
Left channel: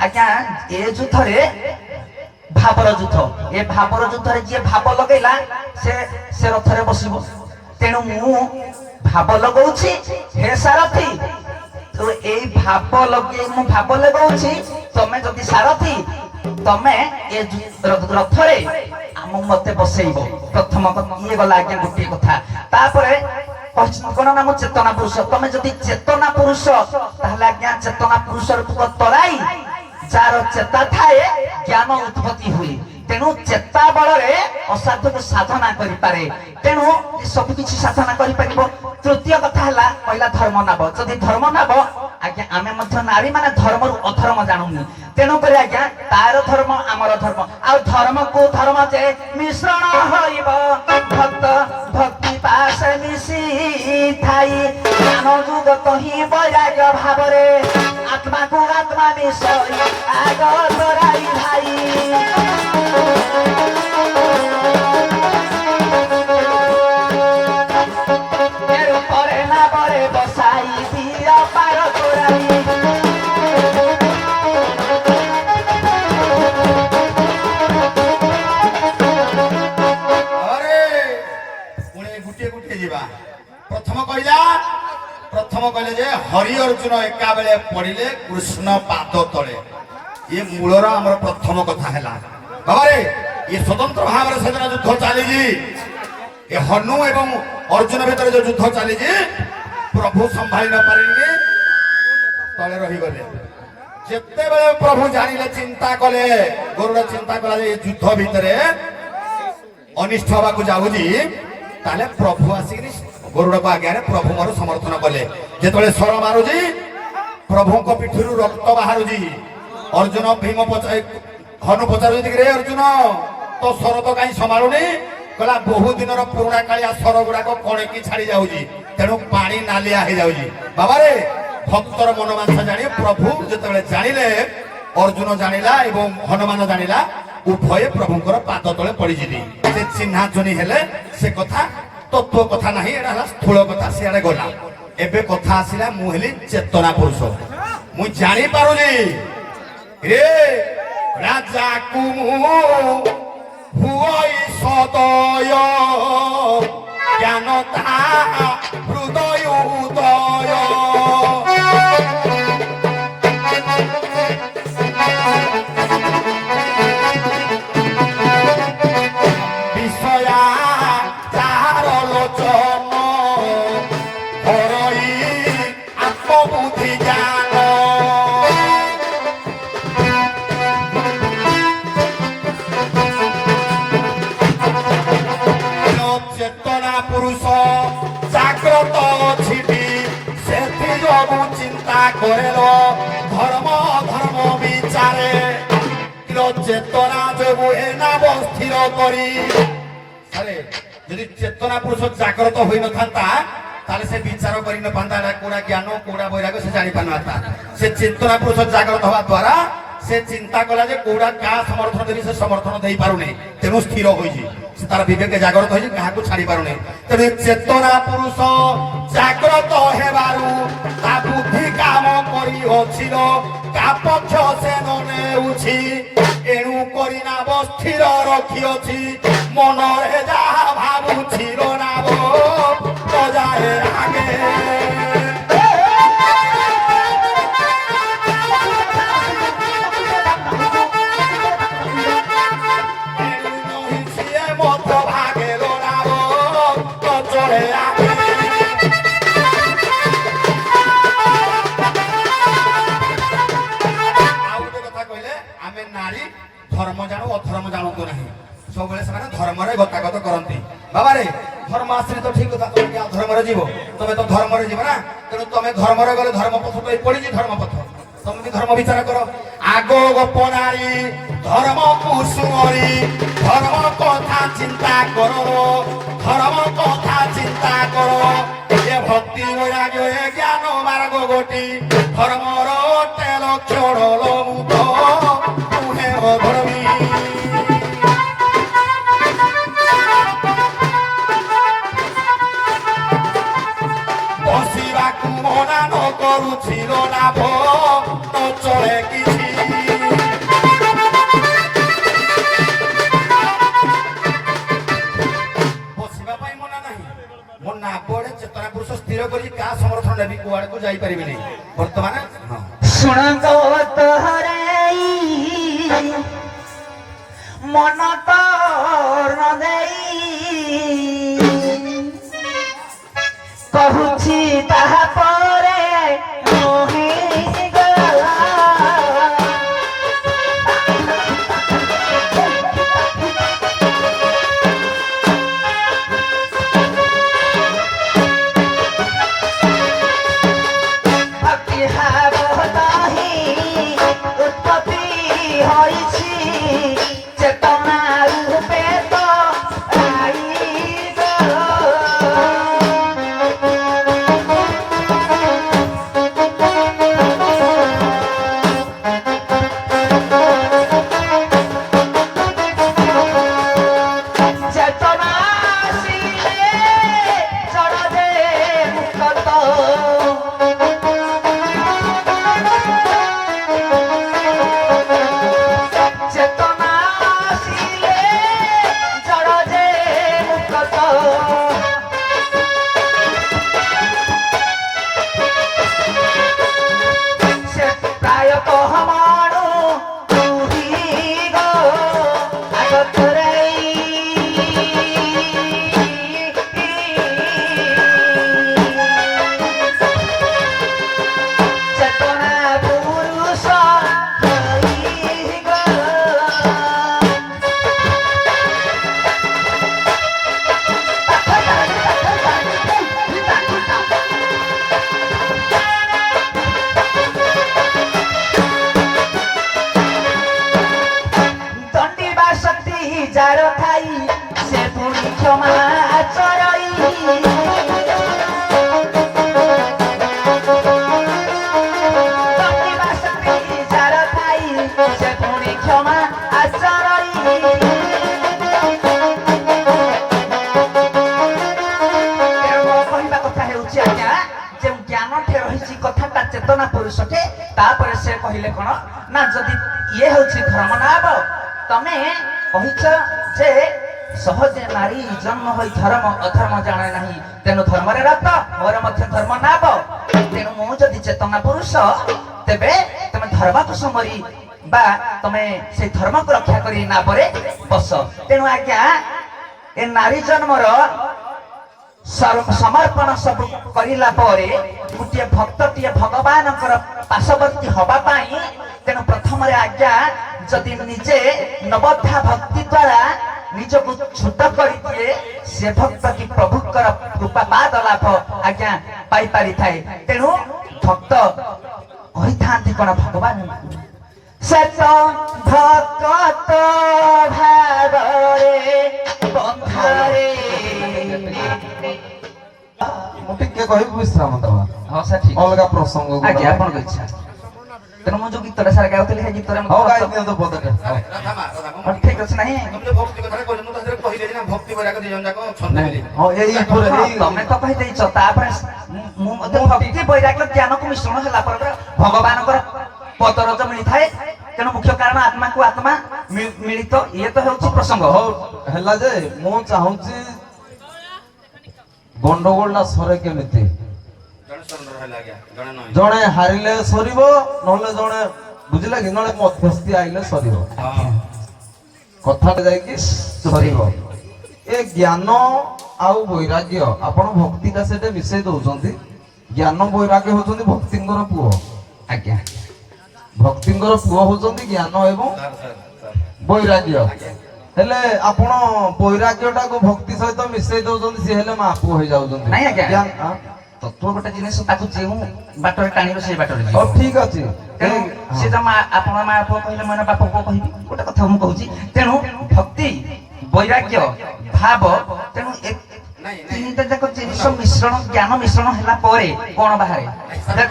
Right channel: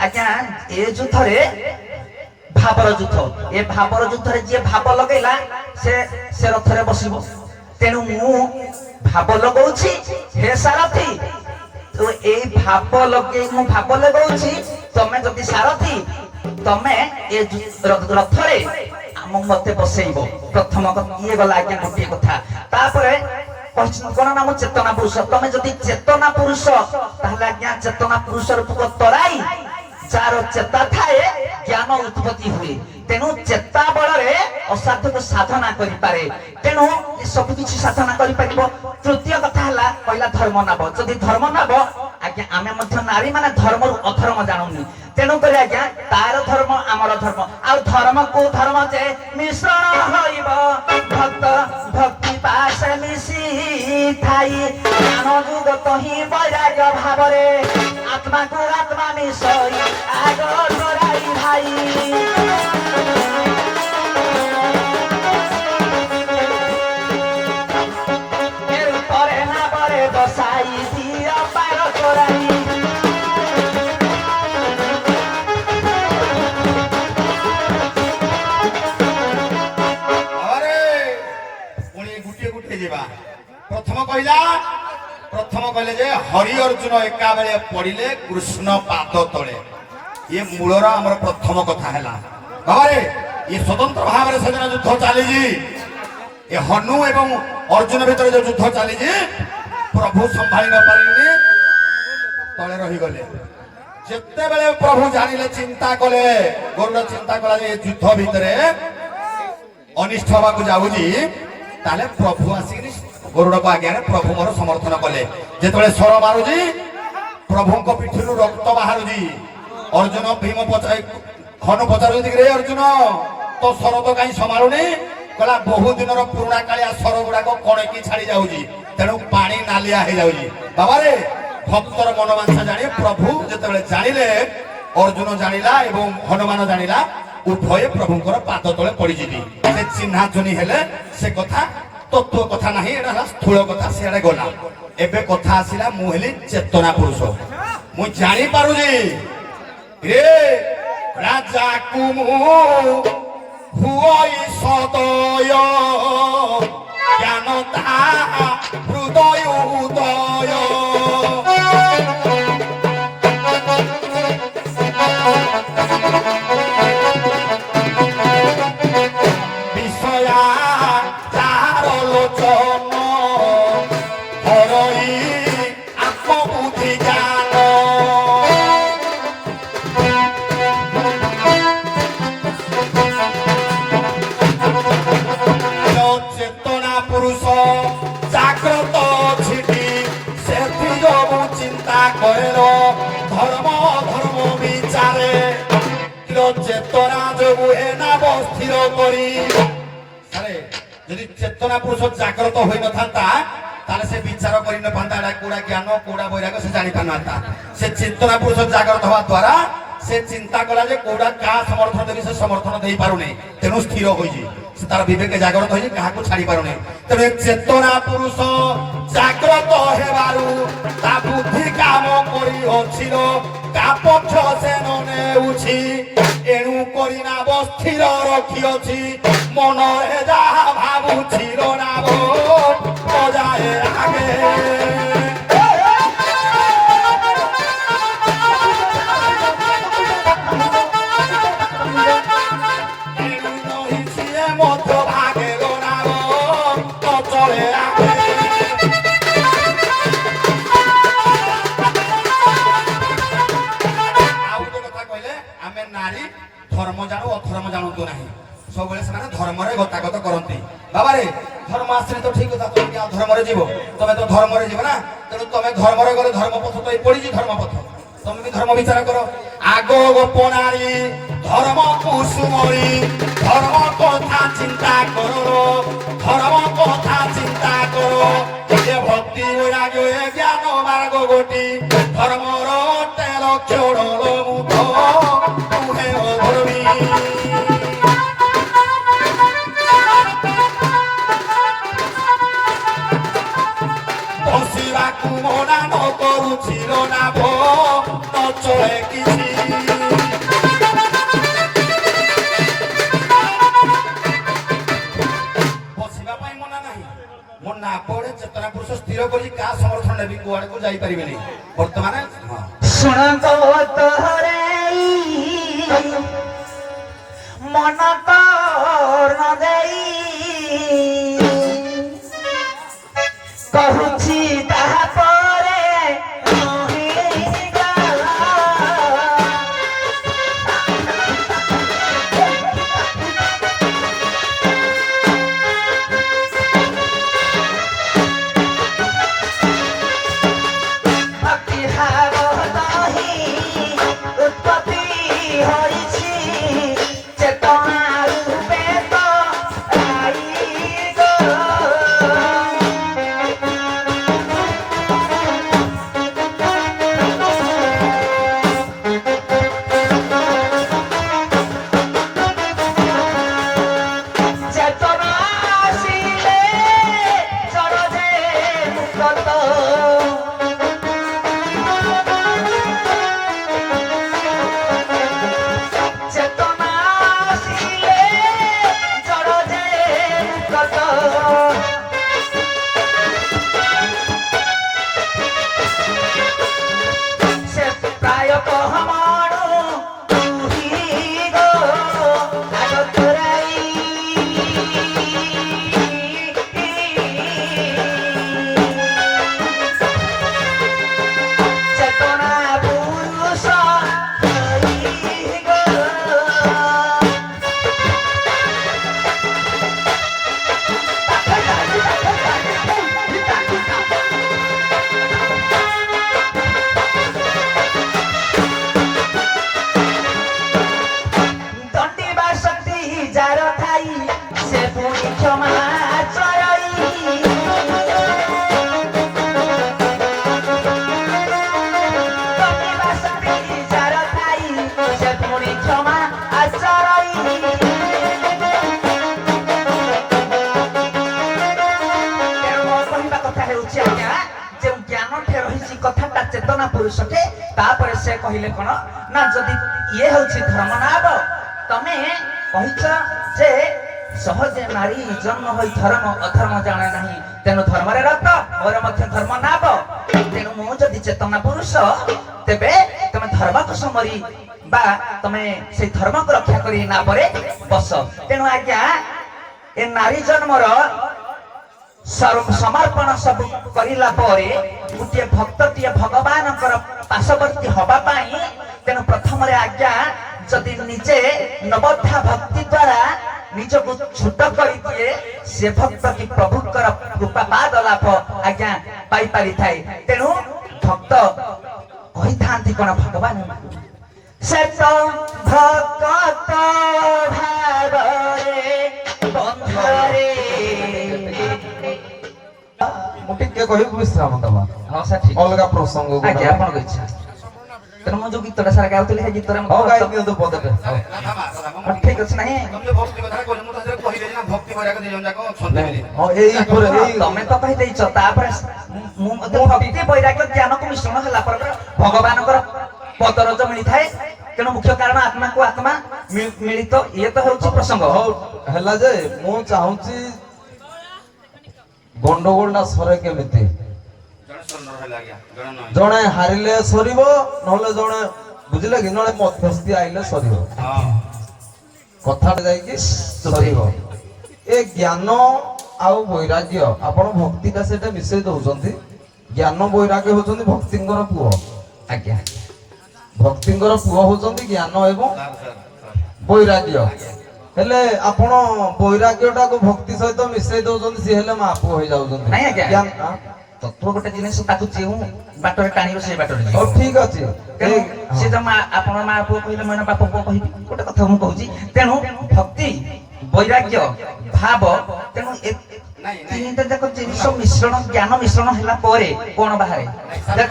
ଆଜ୍ଞା ଏ ଯୁଦ୍ଧରେ ଭାବର ଯୁଦ୍ଧ ଏ ଭାବର ଯୁଦ୍ଧରେ ଯିଏ ଭାବ ଲଗେଇଲା ସେ ରଥରେ ବସିବ ତେଣୁ ମୁଁ ଭାବ ଲଗାଉଛି ହେ ସାରଥି ଏଇ ଭାବ ଲଗେଇ ମୁଁ ଭାବ ଲଗାଉଛି ତମେ ଯଦି ସାରଥି ତମେ ଏ ରଥରେ ମତେ ବସେଇବ। ପ୍ରଥମ ଇଏ ଗଲା ଆଜ୍ଞା ଗୋଟିଏ କଥା। ତାପରେ କଣ ନାମ ଚେତନା ପୁରୁଷ। ତମେ ଯଦି ଚେତନା ପୁରୁଷ ତାହେଲେ ଆଜ୍ଞା ଚେତନା ପୁରୁଷ ରୂପକ ତରାଇ ଯାହାର ଚେତା ଥାଏ ଜ୍ଞାନ ଉତ୍ପତ୍ତି ହୁଏ। ତେଣୁ ଚେତା ବଳରେ ଅସାଧୁକୁ ସାଧନା କରିପାରେ। ତେଣୁ ସବୁ କିଛି ସାଧନା କରିପାରିବ। ତୃତୀୟ କଥା ହେଲା କହିଲା ଧର୍ମ ନାବ। ଯଦି ଧର୍ମ ନାବ ଆଜ୍ଞା ଆମେ ମଧ୍ୟ ନାରୀ ମାନେ ଧର୍ମରୁ ଅଧର୍ମ ଜାଣୁନି। ତେଣୁ କରି ଆଜ୍ଞା ତାର ଧର୍ମ ଆମର ଧର୍ମ। ଆଉ ଧର୍ମ କୋଉ ଧର୍ମ ଯେ ମିଶ୍ରଣ ହଇବ ଭକ୍ତ ଭକ୍ତି ପାଶେ ମିଶି ଥାଇ ଜ୍ଞାନ ଯୁଗତ ହିଁ ବୈରାଗ୍ୟ ଭାବରେ ଆତ୍ମାକୁ ଆତ୍ମା ମିଶଇ ଆଗ ତୋରାଇ ଭାଇ। ପରେ ନା ପରେ ବସାଇ ଦିଅ ପାର ତୋରାଇ। ପ୍ରଥମ କହିଲେ ଯେ ହରି ଅର୍ଜୁନ ଏକା ବେଳେ ପଡିଲେ କୃଷ୍ଣ ପାଦ ତଳେ। ଇଏ ମୂଳର ଆମର ପ୍ରଥମ କଥା ହେଲା। ବାବାରେ ଇଏ ସ୍ୱତନ୍ତ୍ର ଭାବରେ ସେଦିନ ଯୁଦ୍ଧ ଚାଲିଛି। ଏ ହନୁ ଏବଂ ଅର୍ଜୁନ ଭିତରେ ଯୋଉ ଯୁଦ୍ଧ ଚାଲିଛି ପ୍ରଭୁ ସମ୍ଭାଳି ନ ପାରିଲେ ତଳେ ରହିଗଲେ। ଯେତେବେଳେ ପ୍ରଭୁ ଜାଣିଲେ ଚିନ୍ତା କଲେ ଗରୁଡ଼ ଚିନ୍ତା କଲା ଯେ ଏ ଯୁଦ୍ଧ ଭିତରେ ଅନିଷ୍ଟ ହବାକୁ ଯାଉଛି ତାହେଲେ ପ୍ରଭୁ ଆସିକି ଗରୁଡ଼ଙ୍କ ଆଜ୍ଞାରେ ପ୍ରଭୁ ମୋର ସମର୍ଥନ କଲେ। ଯେତେବେଳେ ସ୍ୱର ମାରୁଛି ପ୍ରଭୁଙ୍କ ପିଠିରୁ ରକ୍ତ ବାହାରୁଛି। ଅର୍ଜୁନ ଭୀମ ହନୁ ପଚାରୁଛନ୍ତି ରେ ଅର୍ଜୁନ ତ ସ୍ୱର ତ କାହିଁ ସମ୍ଭାଳୁନି? କହିଲା ବହୁ ଦିନର ପୁରୁଣା କାଳିଆ ସ୍ୱର ଗୁଡାକ କଣକି ଛାଡି ଯାଉଛି ତେଣୁ ପାଣି ନାଲିଆ ହେଇଯାଉଛି। ବାବାରେ ଭକ୍ତର ମନୋବାଞ୍ଛା ଜାଣି ପ୍ରଭୁ ଯେତେବେଳେ ଜାଣିଲେ ଅର୍ଜୁନ ଜାଣିଲା ଏବଂ ହନୁମାନ ଜାଣିଲା ଉଭୟ ପ୍ରଭୁଙ୍କର ପାଦ ତଳେ ପଡିଯିବି। ସେ ଚିହ୍ନା ଚୁନି ହେଲେ ସେ କଥା ତତ୍ଵ କଥା ନାହିଁ। ଏଟା ହେଲା ସ୍ଥୂଳ କଥା ସିଆଡେ ଗଲା। ଏବେ କଥା ଆସିଲା ମୁଁ ହେଲି ଚେତନା ପୁରୁଷ। ମୁଁ ଜାଣିପାରୁଛି ରେ ରାଜାକୁ ମୁଁ ହୁଇ ସଦୟ ଜ୍ଞାନ ତା ହୃଦୟ ଉଦୟ। ବିଷୟା ଯାହାର ଲୋଚନ ହରଇ ଆତ୍ମବୁଦ୍ଧି ଜ୍ଞାନ। ଚେତନା ପୁରୁଷ ଜାଗ୍ରତ ଛିଟି ସେଥି ଯୋଗୁ ଚିନ୍ତା କରେଲ ଧର୍ମ ଧର୍ମ ବିଚାରେ। চেতনা যোগু এ নাম স্থির করি। যদি চেতনা পুরুষ জাগ্রত হয়ে নথান্তা তাহলে সে বিচার করে নপান্তা এটা কোড়া জ্ঞান কোড়া বৈরাগ্য সে জানি পারনাতা। সে চেতনা পুরুষ জাগ্রত হওয়া দ্বারা সে চিন্তা কলা যে কোড়া কাহা সমর্থন দেবি সে সমর্থন দেই পারুনি তেণু স্থির হয়েছি। সে তার বিবেকে জাগ্রত হয়েছে কাহাকে ছাড়ি পারুনি। তেণু চেতনা পুরুষ জাগ্রত হেবারু তা বুদ্ধি কাম করি অছিল তা পক্ষ সে নেউছি। এণু করি নাব স্থির রখিଅছি মনরে যাহা ভাবুছিল নাব বজায়ে আগে। ধর্ম জানো অধর্ম জানতো না সবুলে সে ধর্মরে গতাগত করতে। বাবারে ধর্ম আসলে তো ঠিক কথা তুমি অধর্মরে যাব তুমি তো ধর্মরে যাব না। তেমন তুমি ধর্মরে গেলে ধর্মপথ তো পড়িছি ধর্মপথ তুমি কি ধর্ম বিচার কর। আগ গোপনারী ধর্ম কুসুমরি ধর্ম কথা চিন্তা করো ধর্ম কথা চিন্তা করো। এ ভক্তি বৈরাগ্য এ জ্ঞান মার্গ গোটি ধর্মর তেল ক্ষণ মুখ তুহে অধর্মী। বসিবাকু মনা ন করুছিল না ভো নচলে কিছু। বসিবা পাই মনা নাই মো না পড়ে চেতনা পুরুষ স্থির করি কা সমর্থন নেবি কুয়াড়ে কু যাই পারিবেনি বর্তমানে। ଶୁଣନ୍ତୁ ତୋହରେ କହୁଛି ତାହାପରେ ରହିଗଲା। ଭକ୍ତି ଭାବ ଦହି ଉତ୍ପତ୍ତି ହୋଇଛି ଚେତନା ରୂପେ ତ ରାଇଗଲା। চেতনা আসিলে জড়রে মুক্ত। চেতনা আসিলে জড়রে মুক্ত। সে প্রায়তঃ মনু তুহিগ আগতরে চেতনা পুরুষ হইগ। দণ্ডিবা শক্তি যার ঠাই সে পুনি ক্ষমা চরাই। দণ্ডিবা শক্তি যার ঠাই সে পুনি ক্ষমা চরাই। କହିବା କଥା ହେଉଛି ଆଜ୍ଞା ଯେଉଁ ଜ୍ଞାନଟେ ରହିଛି କଥାଟା ଚେତନା ପୁରୁଷଟେ ତାପରେ ସେ କହିଲେ କଣ ନା ଯଦି ଇଏ ହେଉଛି ଧର୍ମ ନାବ ତମେ କହିଛ ଯେ ସହଜେ ନାରୀ ଜନ୍ମ ହୋଇ ଧର୍ମ ଅଧର୍ମ ଜାଣେ ନାହିଁ ତେଣୁ ଧର୍ମରେ ରତ ମୋର ମଧ୍ୟ ଧର୍ମ ନାବ ତେଣୁ ମୁଁ ଯଦି ଚେତନା ପୁରୁଷ ତେବେ ତମେ ଧର୍ମକୁ ସମରି ବା ତମେ ସେଇ ଧର୍ମକୁ ରକ୍ଷା କରି ନାବରେ ବସ। ତେଣୁ ଆଜ୍ଞା ଏ ନାରୀ ଜନ୍ମର ସମର୍ପଣ ସବୁ କରିଲା ପରେ ଗୋଟିଏ ଭକ୍ତଟିଏ ଭଗବାନଙ୍କର ପାର୍ଶ୍ୱବର୍ତ୍ତୀ ହବା ପାଇଁ ତେଣୁ ପ୍ରଥମରେ ଆଜ୍ଞା ଯଦି ନିଜେ ନବଧା ଭକ୍ତି ଦ୍ୱାରା ନିଜକୁ ଛୋଟ କରିଦିଏ ସେ ଭକ୍ତ କି ପ୍ରଭୁଙ୍କର କୃପାପାଦ ଲାଭ ଆଜ୍ଞା ପାଇପାରିଥାଏ। ତେଣୁ ଭକ୍ତ କହିଥାନ୍ତି କଣ ଭଗବାନ ସେ ତ ଭକ୍ତ ଭାବରେ ବନ୍ଧରେ। ମୁଁ ଟିକେ କହିବି ବିଶ୍ରାମ ଦେବା ହଁ ସାର୍ ଠିକ ଅଲଗା ପ୍ରସଙ୍ଗ ଆଜ୍ଞା ଆପଣଙ୍କ ଇଚ୍ଛା। ତେଣୁ ମୁଁ ଯୋଉ ଗୀତଟା ସାର୍ ଗାଉଥିଲି ସେ ଗୀତରେ ହଉ ଗାଇ ଦିଅନ୍ତୁ ପଦଟେ ଠିକ ଅଛି ନାହିଁ ହଁ ଏଇ ଉପରେ ତମେ ତ କହିଦେଇଛ ତାପରେ ମୁଁ ମଧ୍ୟ ଭକ୍ତି ବୈରାଗ୍ୟ ଜ୍ଞାନକୁ ମିଶ୍ରଣ ହେଲା ପରେ ଭଗବାନଙ୍କର ପଦରଜ ମିଳିଥାଏ। ତେଣୁ ମୁଖ୍ୟ କାରଣ ଆତ୍ମାକୁ ଆତ୍ମା ମିଳିତ ଇଏ ତ ହେଉଛି ପ୍ରସଙ୍ଗ। ହଉ ହେଲା ଯେ ମୁଁ ଚାହୁଁଛି ଗଣ୍ଡଗୋଳଟା ସରେ କେମିତି ଜଣେ ହାରିଲେ ସରିବ ନହେଲେ ଜଣେ ବୁଝିଲେ କି ନହେଲେ ମଧ୍ୟସ୍ଥି ଆଇଲେ ସରିବ କଥାଟା ଯାଇକି ସରିବ। ଏ ଜ୍ଞାନ ଆଉ ବୈରାଗ୍ୟ ଆପଣ ଭକ୍ତିଟା ସେଟା ମିଶେଇ ଦଉଛନ୍ତି। ଜ୍ଞାନ ବୈରାଗ୍ୟ ହଉଛନ୍ତି ଭକ୍ତିଙ୍କର ପୁଅ ଆଜ୍ଞା ଭକ୍ତିଙ୍କର ପୁଅ ହଉଛନ୍ତି ଜ୍ଞାନ ଏବଂ ବୈରାଗ୍ୟ। ହେଲେ ଆପଣ ବୈରାଗ୍ୟଟାକୁ ଭକ୍ତି ସହିତ ମିଶେଇ ଦଉଛନ୍ତି ସିଏ ହେଲେ ମା ପୁଅ ହେଇଯାଉଛନ୍ତି। ନାଇଁ ଆଜ୍ଞା ତତ୍ତ୍ୱ ଗୋଟେ ଜିନିଷ ତାକୁ ଯେଉଁ ବାଟରେ ଟାଣିବ ସେଇ ବାଟରେ ଯିବ। ହଉ ଠିକ ଅଛି ତେଣୁ ସେ ତ ଆପଣ ମା ପୁଅ କହିଲେ ମୁଁ ବାପ ପୁଅ କହିବି ଗୋଟେ କଥା ମୁଁ କହୁଛି। ତେଣୁ ଭକ୍ତି ବୈରାଗ୍ୟ ଭାବ ତେଣୁ ତିନିଟା ଯାକ ଜିନିଷ ମିଶ୍ରଣ ଜ୍ଞାନ ମିଶ୍ରଣ ହେଲା ପରେ କଣ ବାହାରେ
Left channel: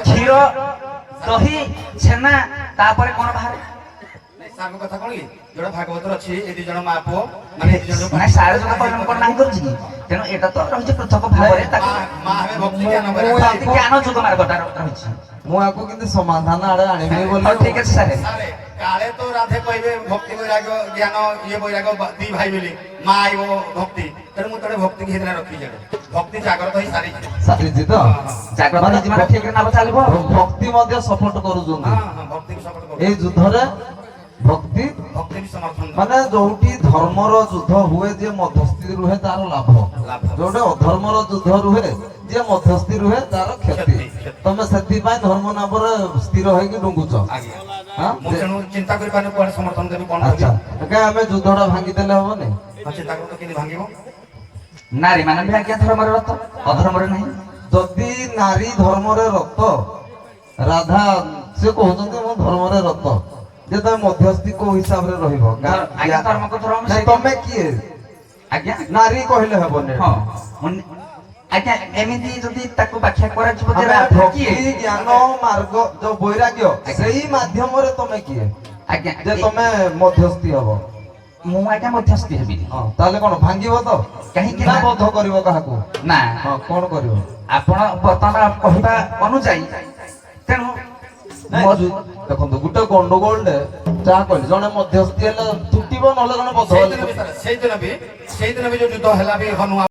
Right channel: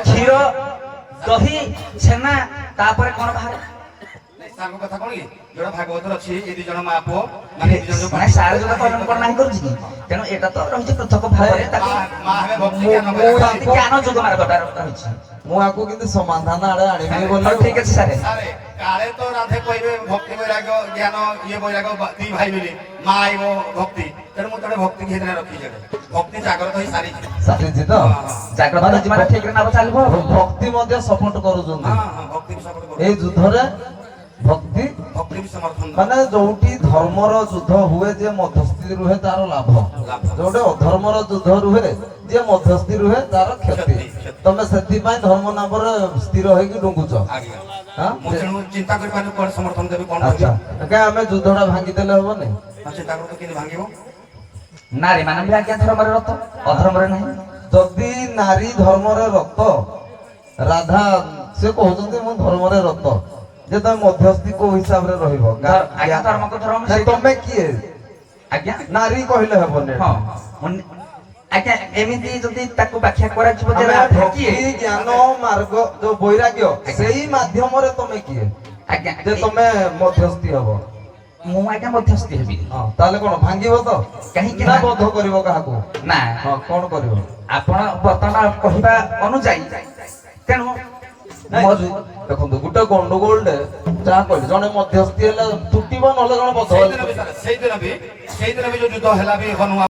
କ୍ଷୀର ଦହି ଛେନା ତାପରେ କଣ ବାହାରେ କଥା କଣ କି ଯୋଉଟା ଭାଗବତ ଅଛି ଏ ଦି ଜଣ ମା ପୁଅ ନାଇଁ ସାର ଯୋଉଟା କହିଲେ ମୁଁ କଣ ନାହିଁ କରୁଛି କି ତେଣୁ ଏଇଟା ତ ରହିଛି ପୃଥକ ଭାବରେ ତାକୁ ଜ୍ଞାନ ଯୁଗ ମାର୍ଗଟା ରହିଛି। ମୁଁ ଆକୁ କିନ୍ତୁ ସମାଧାନ ଆଡେ ଆଣିବି ବୋଲି ଠିକ ଅଛି ସାର୍ କାଳେ ତ ରାଧେ କହିବେ ଭକ୍ତି ବୈରାଗ ଜ୍ଞାନ ଇଏ ବୈରାଗ ଦି ଭାଇ ବୋଲି ମା ଆଇବ ଭକ୍ତି ତେଣୁ ମୁଁ ତୋടെ ଭକ୍ତି ଘିରେ ରଖି ଯାଏ ଭକ୍ତି ଜାଗ୍ରତ ହେଇ ସାରିଛି ସାରିଛି ତ ଜାଗ୍ରତ ଜୀବନ ଠିକରେ ନାମ ଚାଲିବ ଭକ୍ତି ମଧ୍ୟ ସପୋର୍ଟ କରୁଛନ୍ତି ଭକ୍ତି ସପୋର୍ଟ କରୁ ଏଇ ଯୁଦ୍ଧରେ ଭକ୍ତି ଭକ୍ତି ବି ସମର୍ଥନ ମାନେ ଯୋଉଠି ଧର୍ମର ଯୁଦ୍ଧ ହୁଏ ଯେ ମଧ୍ୟସ୍ଥି ରୁହେ ତାର ଲାଭ ଯୋଉଠି ଅଧର୍ମର ଯୁଦ୍ଧ ରୁହେ ଯିଏ ମଧ୍ୟସ୍ଥି ରୁହେ ତାର କ୍ଷତି। ତମେ ସେଥିପାଇଁ ଧର୍ମ ନାମରେ ସ୍ଥିର ହେଇକି ଡୁଙ୍ଗୁଛ। ଆଜ୍ଞା ହଁ? ମୁଁ ତେଣୁ ଚିନ୍ତା କରିପାରୁନି କୁଆଡେ ସମର୍ଥନ ଦେବି କଣ ଆଚ୍ଛା କରିବି। କାଇଁ ଆମେ ଯୁଦ୍ଧଟା ଭାଙ୍ଗିଦେଲେ ହବନି? ହଁ, ଚିନ୍ତା କରୁ ତ କେମିତି ଭାଙ୍ଗିବ। ନାରୀ ମାନେ ବି ଆଜ୍ଞା ଧର୍ମରେ ରତ, ଅଧର୍ମରେ ନାହିଁ। ଯଦି ନାରୀ ଧର୍ମରେ ରତ, ରାଧା ସେ କହୁଛନ୍ତି ମୁଁ ଧର୍ମରେ ରତ, ଯେ ତମେ ମଧ୍ୟସ୍ଥି କୋଉ ହିସାବରେ ରହିବ? ଆଜ୍ଞା ଧର୍ମକୁ ଧର୍ମ ନାଇଁ, ମିଶେଇ ତମେ କିଏ? ଆଜ୍ଞା ନାରୀ କହିଲେ ହେବନି। ହଁ ଆଜ୍ଞା ଏମିତି ଯଦି ତାକୁ ବ୍ୟାଖ୍ୟା କରାଯିବ ଯେ ଆମେ ରାଧା କିଏ? ଭକ୍ତି ଜ୍ଞାନ ମାର୍ଗ ଯୋଉ ବୈରାଗ୍ୟ ସେଇ ମାଧ୍ୟମରେ ତମେ କିଏ ଆଜ୍ଞା ଯେ ତମେ ମଧ୍ୟସ୍ଥି ହବ? ମୁଁ ଆଜ୍ଞା ମଧ୍ୟସ୍ଥି ହେବି। ହଁ ତାହେଲେ କଣ ଭାଙ୍ଗିବ ତ? କାହିଁକି ନା ନା ବଧ କରିବ କାହାକୁ? ନା ହଁ କଣ କରିବ? ଆପଣ ବର୍ତ୍ତମାନ କହିବା ଅନୁଯାୟୀ ତେଣୁ ଦେଖନ୍ତୁ ଗୋଟେ ଗଣ୍ଡଗୋଳରେ ଯାହା କହିଲି ଜଣେ ମଧ୍ୟସ୍ଥି ହେଲେ ତୁଟିବ, ନହେଲେ ଜଣେ ବଧ ସେଇଦିନ ବି ଯୋଉ ଯୁଦ୍ଧ ହେଲା ବି ହନୁମାନ